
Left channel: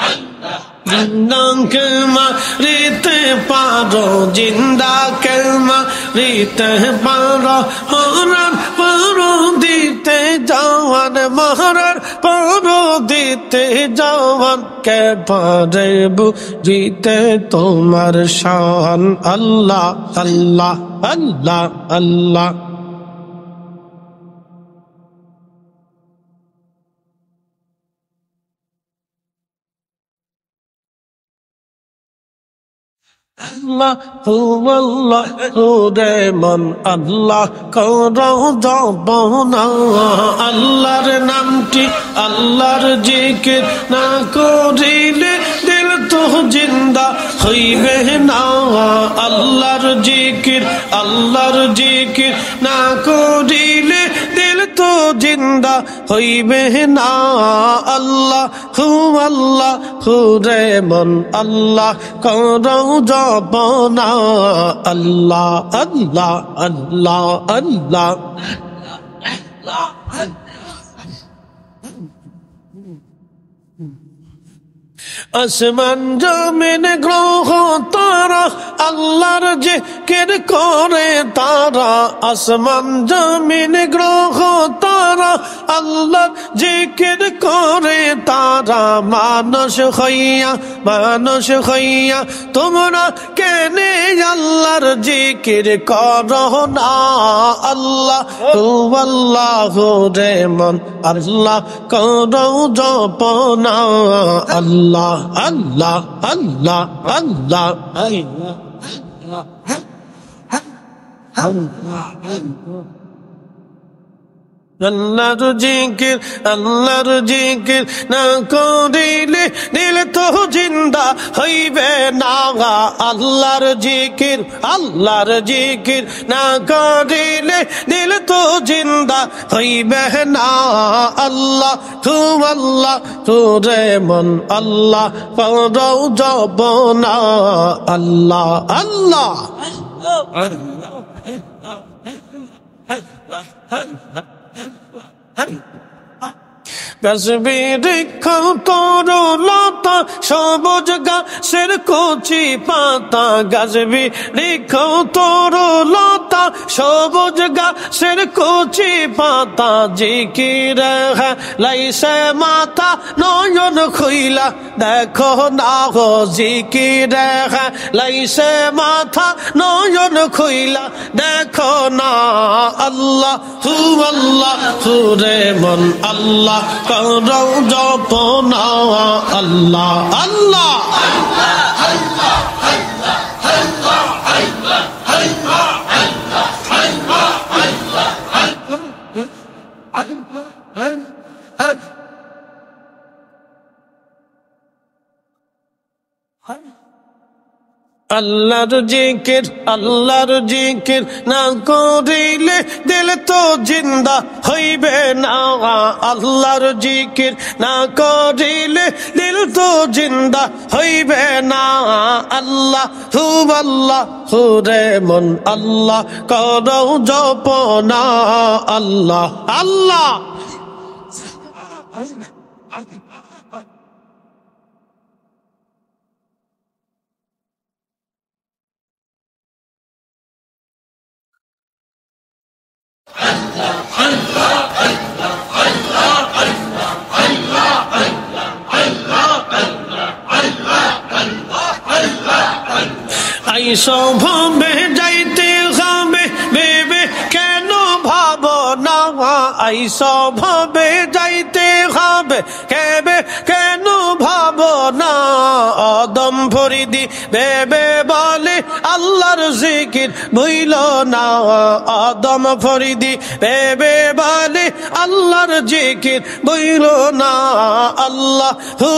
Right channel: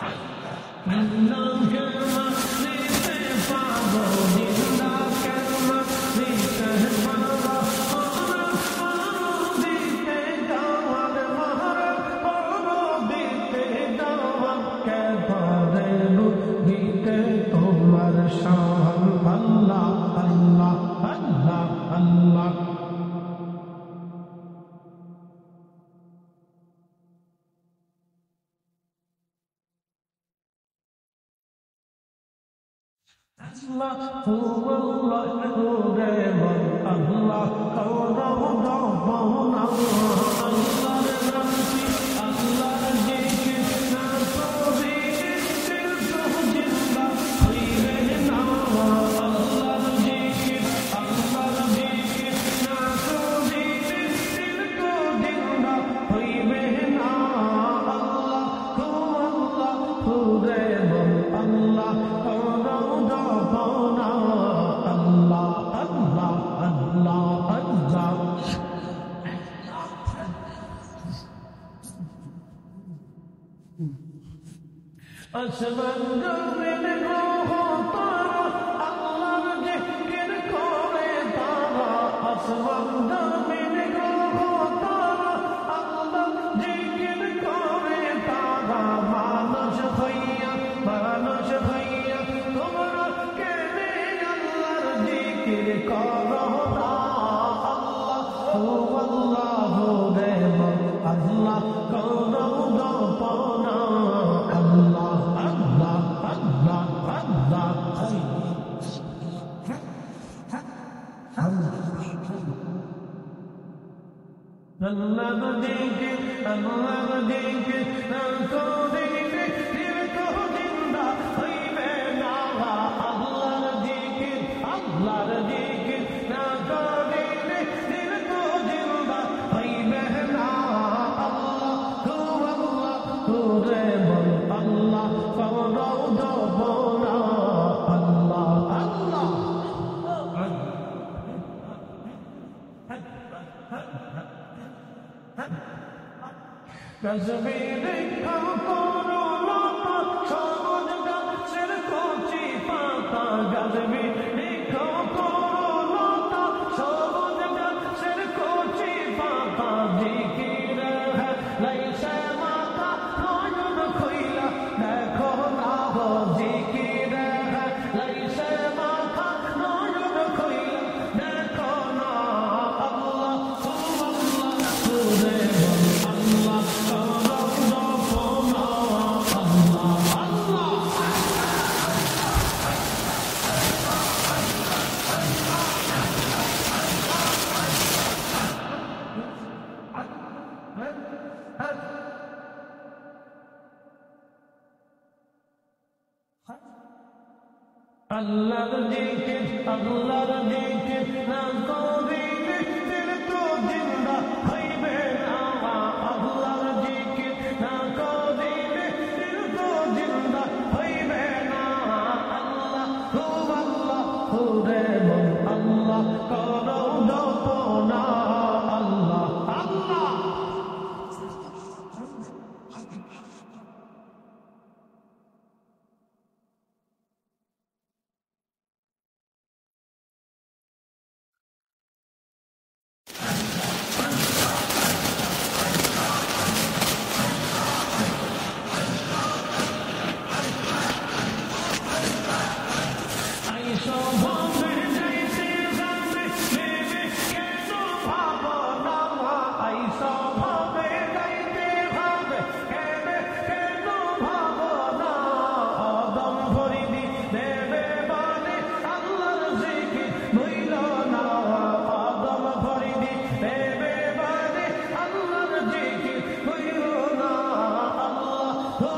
আল্লাহ। জিন্দাকে মারিতে পারো, জিন্দাকে মারিতে পারো, মরার পারো দিতে জওয়ান, মরার পারো দিতে জওয়ান, কে পারে বুঝিতে তোমার শান। আল্লাহ আল্লাহ আল্লাহ আল্লাহ। আল্লাহু আল্লাহু রে মন আল্লাহ করো জপনা, আল্লাহর নামটি আল্লাহর জিকির না করিলে দিল তো জিন্দা হইবে না। আল্লাহর জিকির না করিলে দিল তো জিন্দা হইবে না। আল্লাহু আল্লাহু রে মন আল্লাহ করো জপনা, আল্লাহ আল্লাহ আল্লাহ আল্লাহ। আসমান জমিন গ্রহ তারা আল্লাহর জিকির করে তারা, আসমান জমিন গ্রহ তারা আল্লাহর জিকির করে তারা। মানুষ হইয়া তোমরা কেনে আল্লাহর জিকির করো না। আল্লাহ আল্লাহ রে মন আল্লাহ করো জপনা, আল্লাহ আল্লাহ আল্লাহ আল্লাহ আল্লাহর জিকির না করিলে দিল তো জিন্দা হইবে না। আল্লাহর জিকির না করিলে দিল তো জিন্দা হইবে না। আল্লাহ রে মন আল্লাহ করো জপনা, আল্লাহ আল্লাহ। গাছবি বৃক্ষ তরুলতা সবুজ গাছের কচি পাতা, গাছবি বৃক্ষ তরুলতা সবুজ গাছের কচি পাতা। জিকির লাইছে মাথা নয়ন খুইলা দেখো না গো, জিকির লাইছে মাথা নয়ন খুইলা দেখো না। আল্লাহ রে মন আল্লাহ করো জপনা, আল্লাহ আল্লাহ। আল্লাহর জিকির না করিলে দিল তো জিন্দা হইবে না। আল্লাহর জিকির না করিলে দিল তো জিন্দা হইবে না। আল্লাহু রে মন আল্লাহ করো জপনা, আল্লাহ আল্লাহ। আইসো ভাবে যাইতে হবে ভেবে কেন ভাবো না। আইসো ভাবে যাইতে হবে কেবে কেন ভাবো না। আদম ফরিদি ভেবে বলে আল্লাহর জিকির ভুইল না। আদম ফরিদি ভেবে বলে আল্লাহর জিকির ভুইল না। আল্লাহু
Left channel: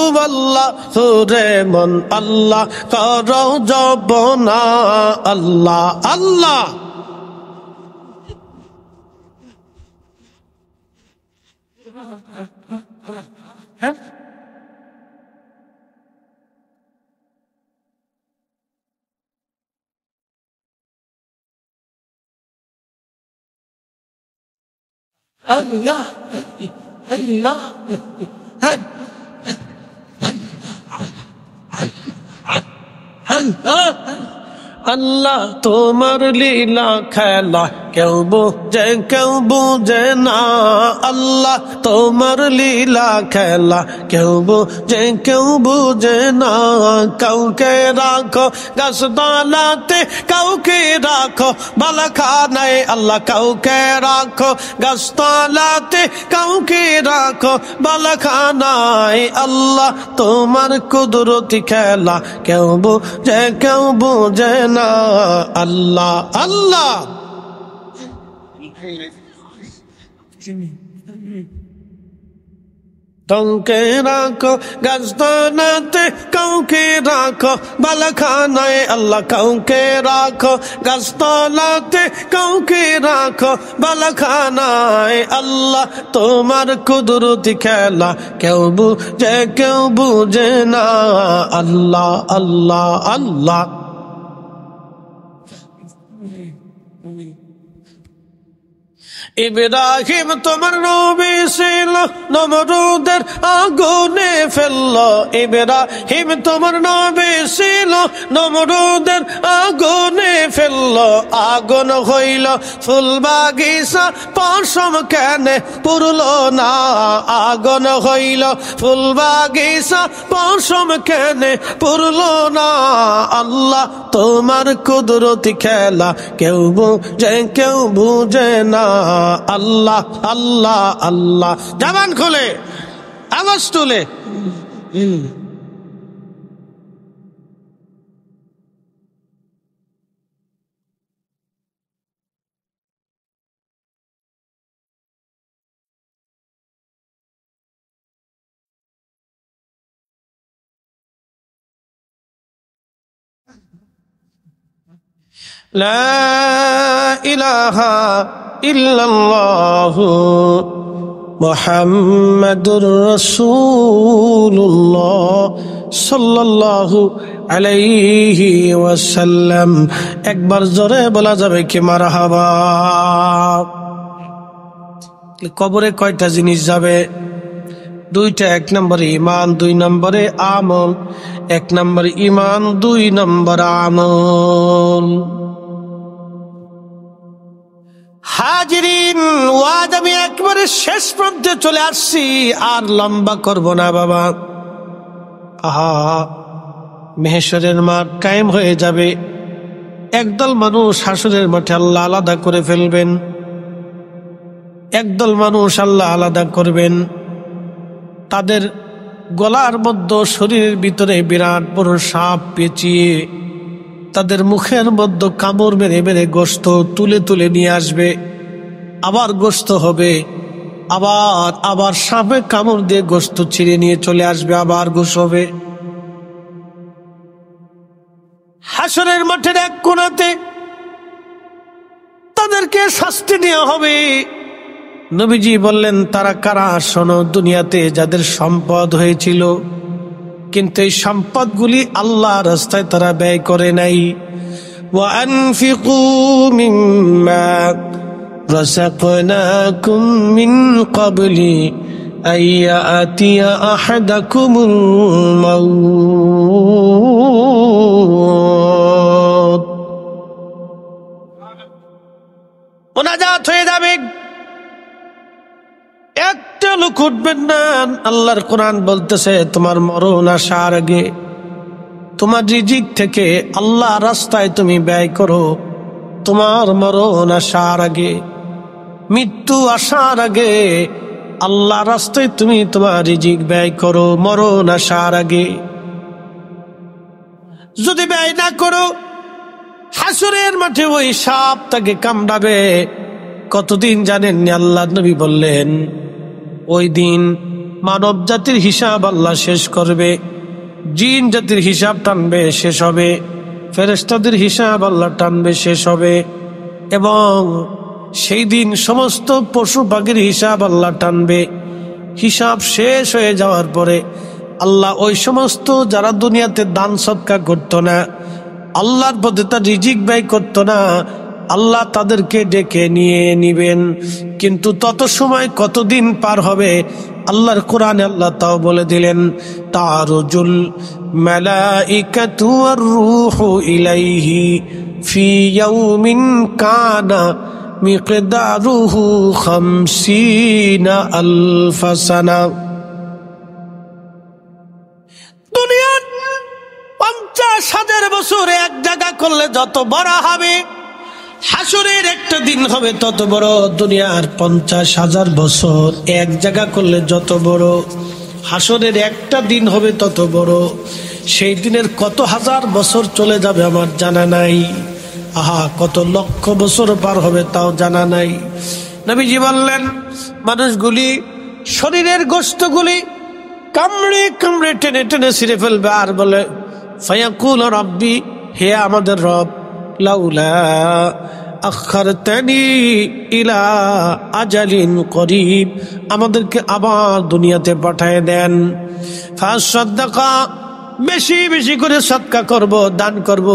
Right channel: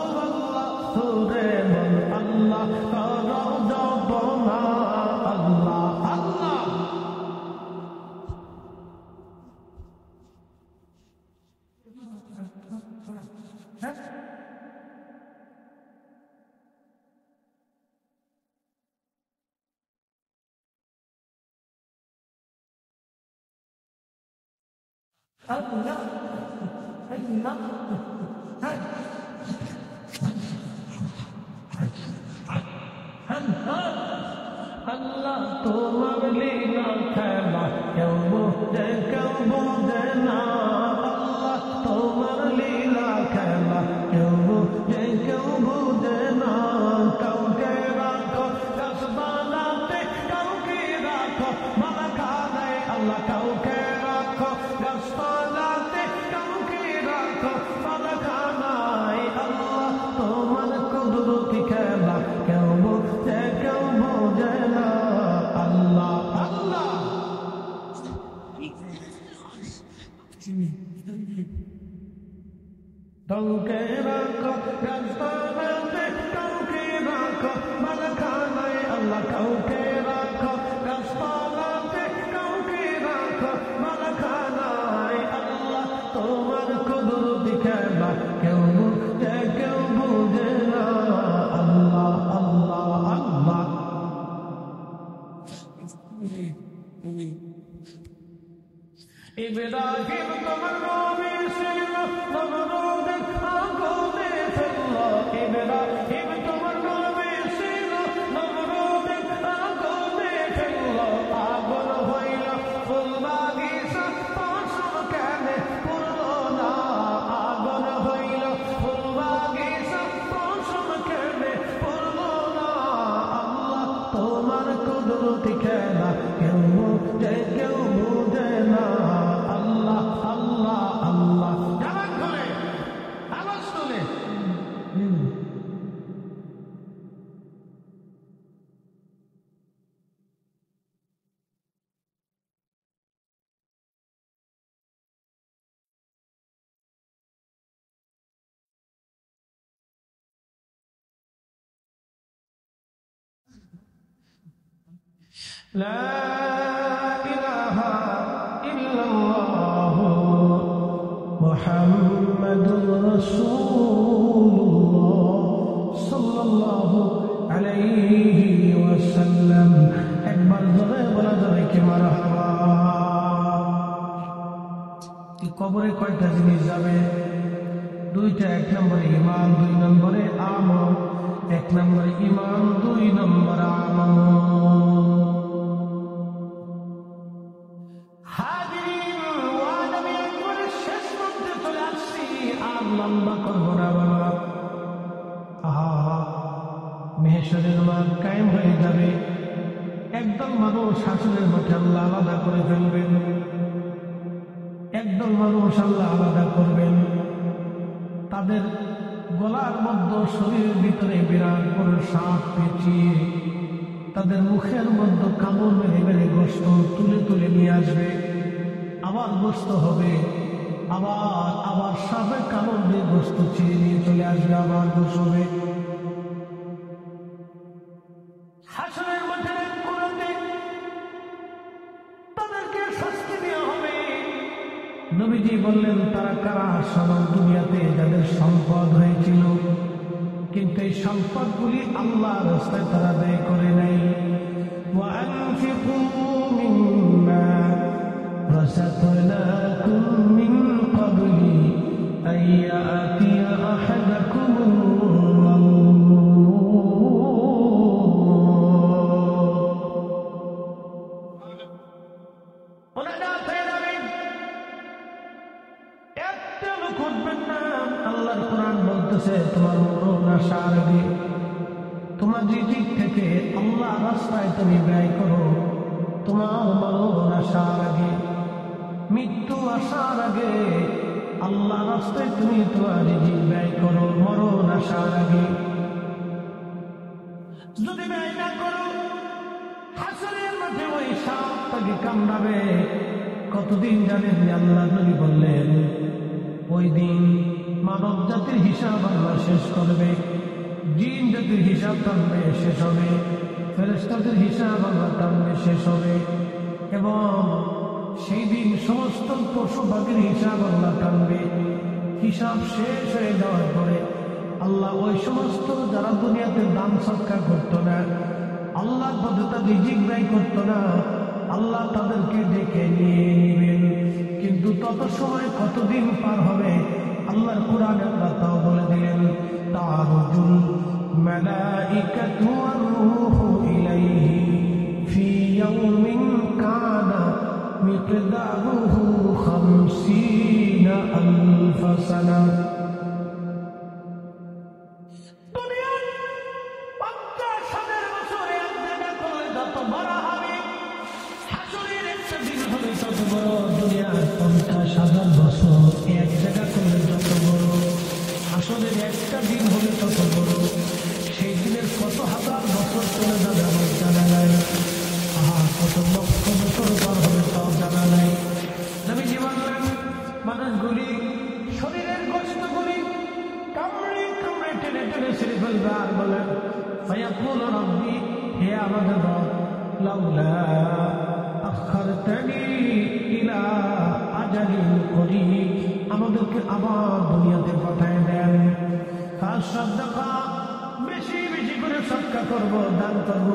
রে মন আল্লাহ করো জপনা, আল্লাহ আল্লাহ। Allah Allah আল্লাহ তোমার লীলা খেলা কেউ বুঝে না। আল্লাহ তোমার লীলা খেলা কেউ বুঝে না। কাউকে রাখো গাছতলাতে, কাউকে রাখো বালাখানায়। আল্লাহ কাউকে রাখো গাছতলাতে, কাউকে রাখো বালাখানায়। আল্লাহ তোমার কুদরতি খেলা কেউ বুঝে না। আল্লাহ আল্লাহ কাউকে রাখো গাছতলাতে, কাউকে রাখো বালাখানায়। আল্লাহ কাউকে রাখো গাছতলাতে, কাউকে রাখো বালাখানায়। আল্লাহ তোমার কুদরতি খেলা কেউ বুঝে না। আল্লাহ আল্লাহ আল্লাহ ইব্রাহিম তোমার নবী ছিল, নমরুদের আগুনে ফেললো। ইব্রাহিম তোমার নবী ছিল, নমরুদের আগুনে ফেললো। আগুন হইল ফুল বাগিচা, পশম কেনে পুরলো না। আগুন হইল ফুল বাগিচা, পশম কেনে পুরলো না। আল্লাহ তোমার কুদরতি খেলা কেউ বুঝে না। আল্লাহ আল্লাহ আল্লাহ জবান খোলে, আওয়াজ তুলে। লা ইলাহা ইল্লাল্লাহু মুহাম্মাদুর রাসূলুল্লাহ সাল্লাল্লাহু আলাইহি ওয়াসাল্লাম। একবার জোরে বলা যাবে কি মারহাবা? কবরে কয়টা জিনিস যাবে? দুইটা। এক নম্বরে ঈমান, দুই নম্বরে আমল। এক নম্বরে ঈমান, দুই নম্বর আমল। হাজিরিন, ওয়াজ আমি একবারে শেষ পর্যন্ত চলে আসছি, আর লম্বা করব না বাবা। আহা, মেহেশরের মাঠ কায়েম হয়ে যাবে। একদল মানুষ হাসরের মাঠে আল্লাহ আলাদা করে ফেলবেন। একদল মানুষ আল্লাহ আলাদা করবেন। তাদের গলার মধ্যে, শরীরের ভিতরে বিরাট বড় সাপ পেঁচিয়ে তাদের মুখের মধ্যে কামড় মেরে মেরে গোশত তুলে তুলে নিয়ে আসবে। আবার গোশত হবে, আবার সাপে কামড় দিয়ে গোশত ছিঁড়ে নিয়ে চলে আসবে, আবার গোশ হবে। হাসরের মাঠের এক কোণাতে তাদেরকে শাস্তি দেওয়া হবে। নবীজি বললেন, তারা কারা? শোনো, দুনিয়াতে যাদের সম্পদ হয়েছিল, কিন্তু এই সম্পদগুলি আল্লাহ রাস্তায় তারা ব্যয় করে নাই। ওয়ানফিকু মিম্মা রাযাকনাকুম মিন ক্বাবলি আইয়াতিয়া আহাদাকুমুল মাউত। মুনাজাত হয়ে যাবে, একটা লোক উঠবেন না। আল্লাহর কোরআন বলতেছে, তোমার মরণ আসার আগে তোমার রিজিক থেকে আল্লাহ রাস্তায় তুমি ব্যয় করো। তোমার মরণ আসার আগে, মৃত্যু আসার আগে আল্লাহ রাস্তায় তুমি তোমার রিজিক ব্যয় করো। মরণ আসার আগে যদি ব্যয় না করো, হাসরের মাঠে ওই সাপ তাকে কামড়াবে। কতদিন জানেননি? আল্লাহ নবী বললেন, ওই দিন মানব জাতির হিসাব আল্লাহ শেষ করবে, জিন জাতির হিসাব টানবে, শেষ হবে, ফেরেশতাদের হিসাব আল্লাহ টানবে, শেষ হবে, এবং সেই দিন সমস্ত পশু পাখির হিসাব আল্লাহ টানবে। হিসাব শেষ হয়ে যাওয়ার পরে আল্লাহ ওই সমস্ত যারা দুনিয়াতে দান সদকা করতো না, আল্লাহর পথে তার রিজিক ব্যয় করতো না, আল্লাহ তাদেরকে ডেকে নিয়ে নিবেন। কিন্তু তত সময় কতদিন পার হবে? আল্লাহর কোরআনে আল্লাহ তাও বলে দিলেন, তারুজুল মালাইকাতু ওয়ার রূহু ইলাইহি ফি ইয়াউমিন কানা মিকদারুহু 50,000 সানা। দুনিয়ার 50,000 বছর এক জায়গা করলে যত বড় হবে, হাসরের একটা দিন হবে তত বড়। দুনিয়ার 50,000 বছর এক জায়গা করলে যত বড়, হাসরের একটা দিন হবে তত বড়। সেই দিনের কত হাজার বছর চলে যাবে আমার জানা নাই। আহা, কত লক্ষ বছর পার হবে তাও জানা নাই। নবীজি বললেন, মানুষগুলি শরীরের গোশতগুলি কামড়ে কামড়ে টেনে টেনে ছিঁড়ে ফেলবে আর বলে, ফায়াকুল রাব্বি, হে আমাদের রব, লাউলা আখারতানি ইলা আজালিন করিব, আমাদেরকে আবার দুনিয়াতে পাঠিয়ে দেন। ফাসাদদাকা, বেশি বেশি করে সদকা করব, দান করব।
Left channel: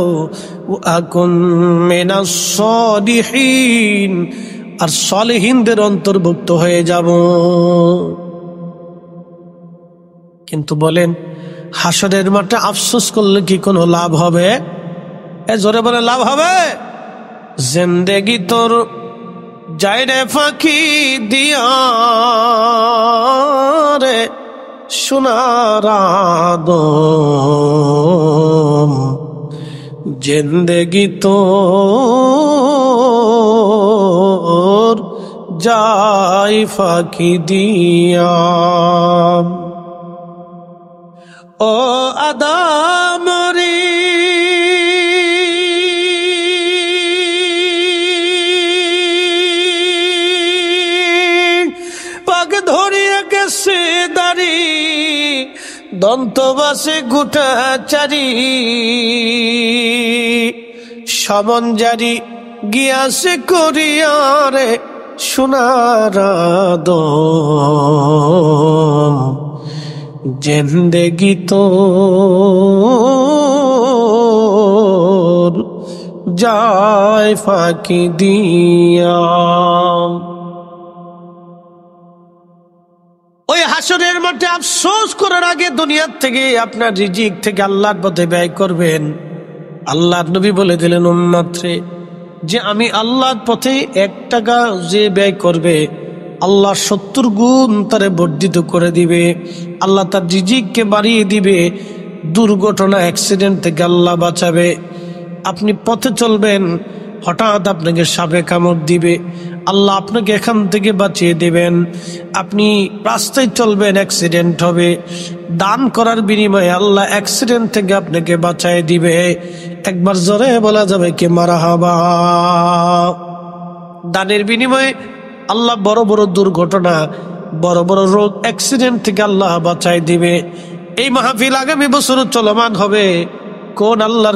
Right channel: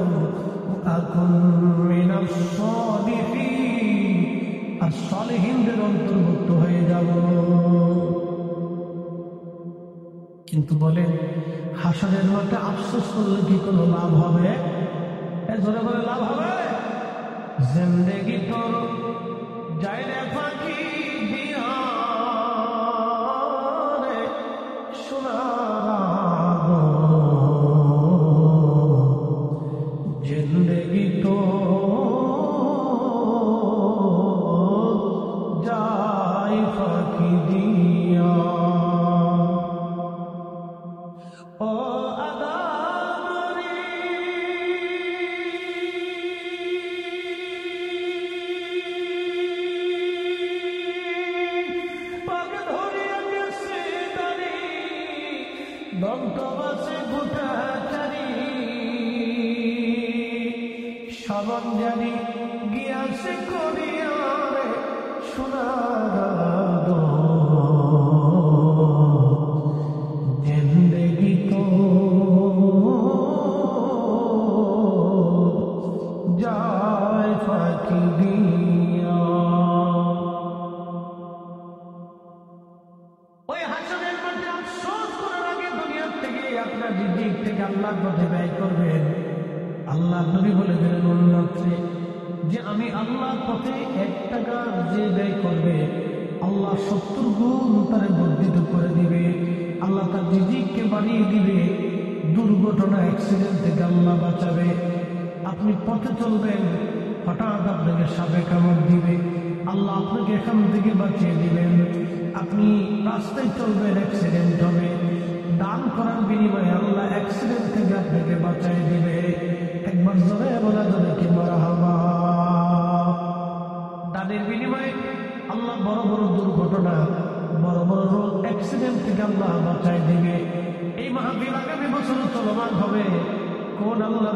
আকুন মিনাস সালিহিন, আর সালেহিনদের অন্তর্ভুক্ত হয়ে যাব। কিন্তু বলেন, হাসরের মাঠে আফসোস করলে কি কোনো লাভ হবে? জোরে বলে লাভ হবে? জিন্দেগি তোর যাইরে ফাঁকি দিয়া রে সোনার আদম, জিন্দেগি তোর যাই ফাঁকি দিয়া। ও আদম রে, পাগ ধরিয়া গেছে দাড়ি, দন্তবাসে গোটা চারি, সমন জারি গিয়াছে করিয়ারে সোনার আদম, জিন্দেগি তোর যায় ফাঁকি দিয়া। ওই হাসরের মাঠে আফসোস করার আগে দুনিয়ার থেকে আপনার রিজিক থেকে আল্লাহর পথে ব্যয় করবেন। আল্লাহর নবী বলে দিলেন উম্মতরে, যে আমি আল্লাহর পথে 1 টাকা যে ব্যয় করবে, আল্লাহ 70 গুণ তারে বর্ধিত করে দিবে। আল্লাহ তার রিজিককে বাড়িয়ে দিবে। দুর্ঘটনা, অ্যাক্সিডেন্ট থেকে আল্লাহ বাঁচাবে। আপনি পথে চলবেন, হঠাৎ আপনাকে সাপে কামড় দিবে, আল্লাহ আপনাকে এখান থেকে বাঁচিয়ে দেবেন। আপনি রাস্তায় চলবেন, অ্যাক্সিডেন্ট হবে, দান করার বিনিময়ে আল্লাহ অ্যাক্সিডেন্ট থেকে আপনাকে বাঁচায় দিবে। একবার জোরে বলা যাবে কি মারহাবা। দানের বিনিময়ে আল্লাহ বড় বড় দুর্ঘটনা, বড় বড় রোগ, অ্যাক্সিডেন্ট থেকে আল্লাহ বাঁচায় দিবে। এই মাহফিল আগামী বছর চলমান হবে। কোন আল্লাহর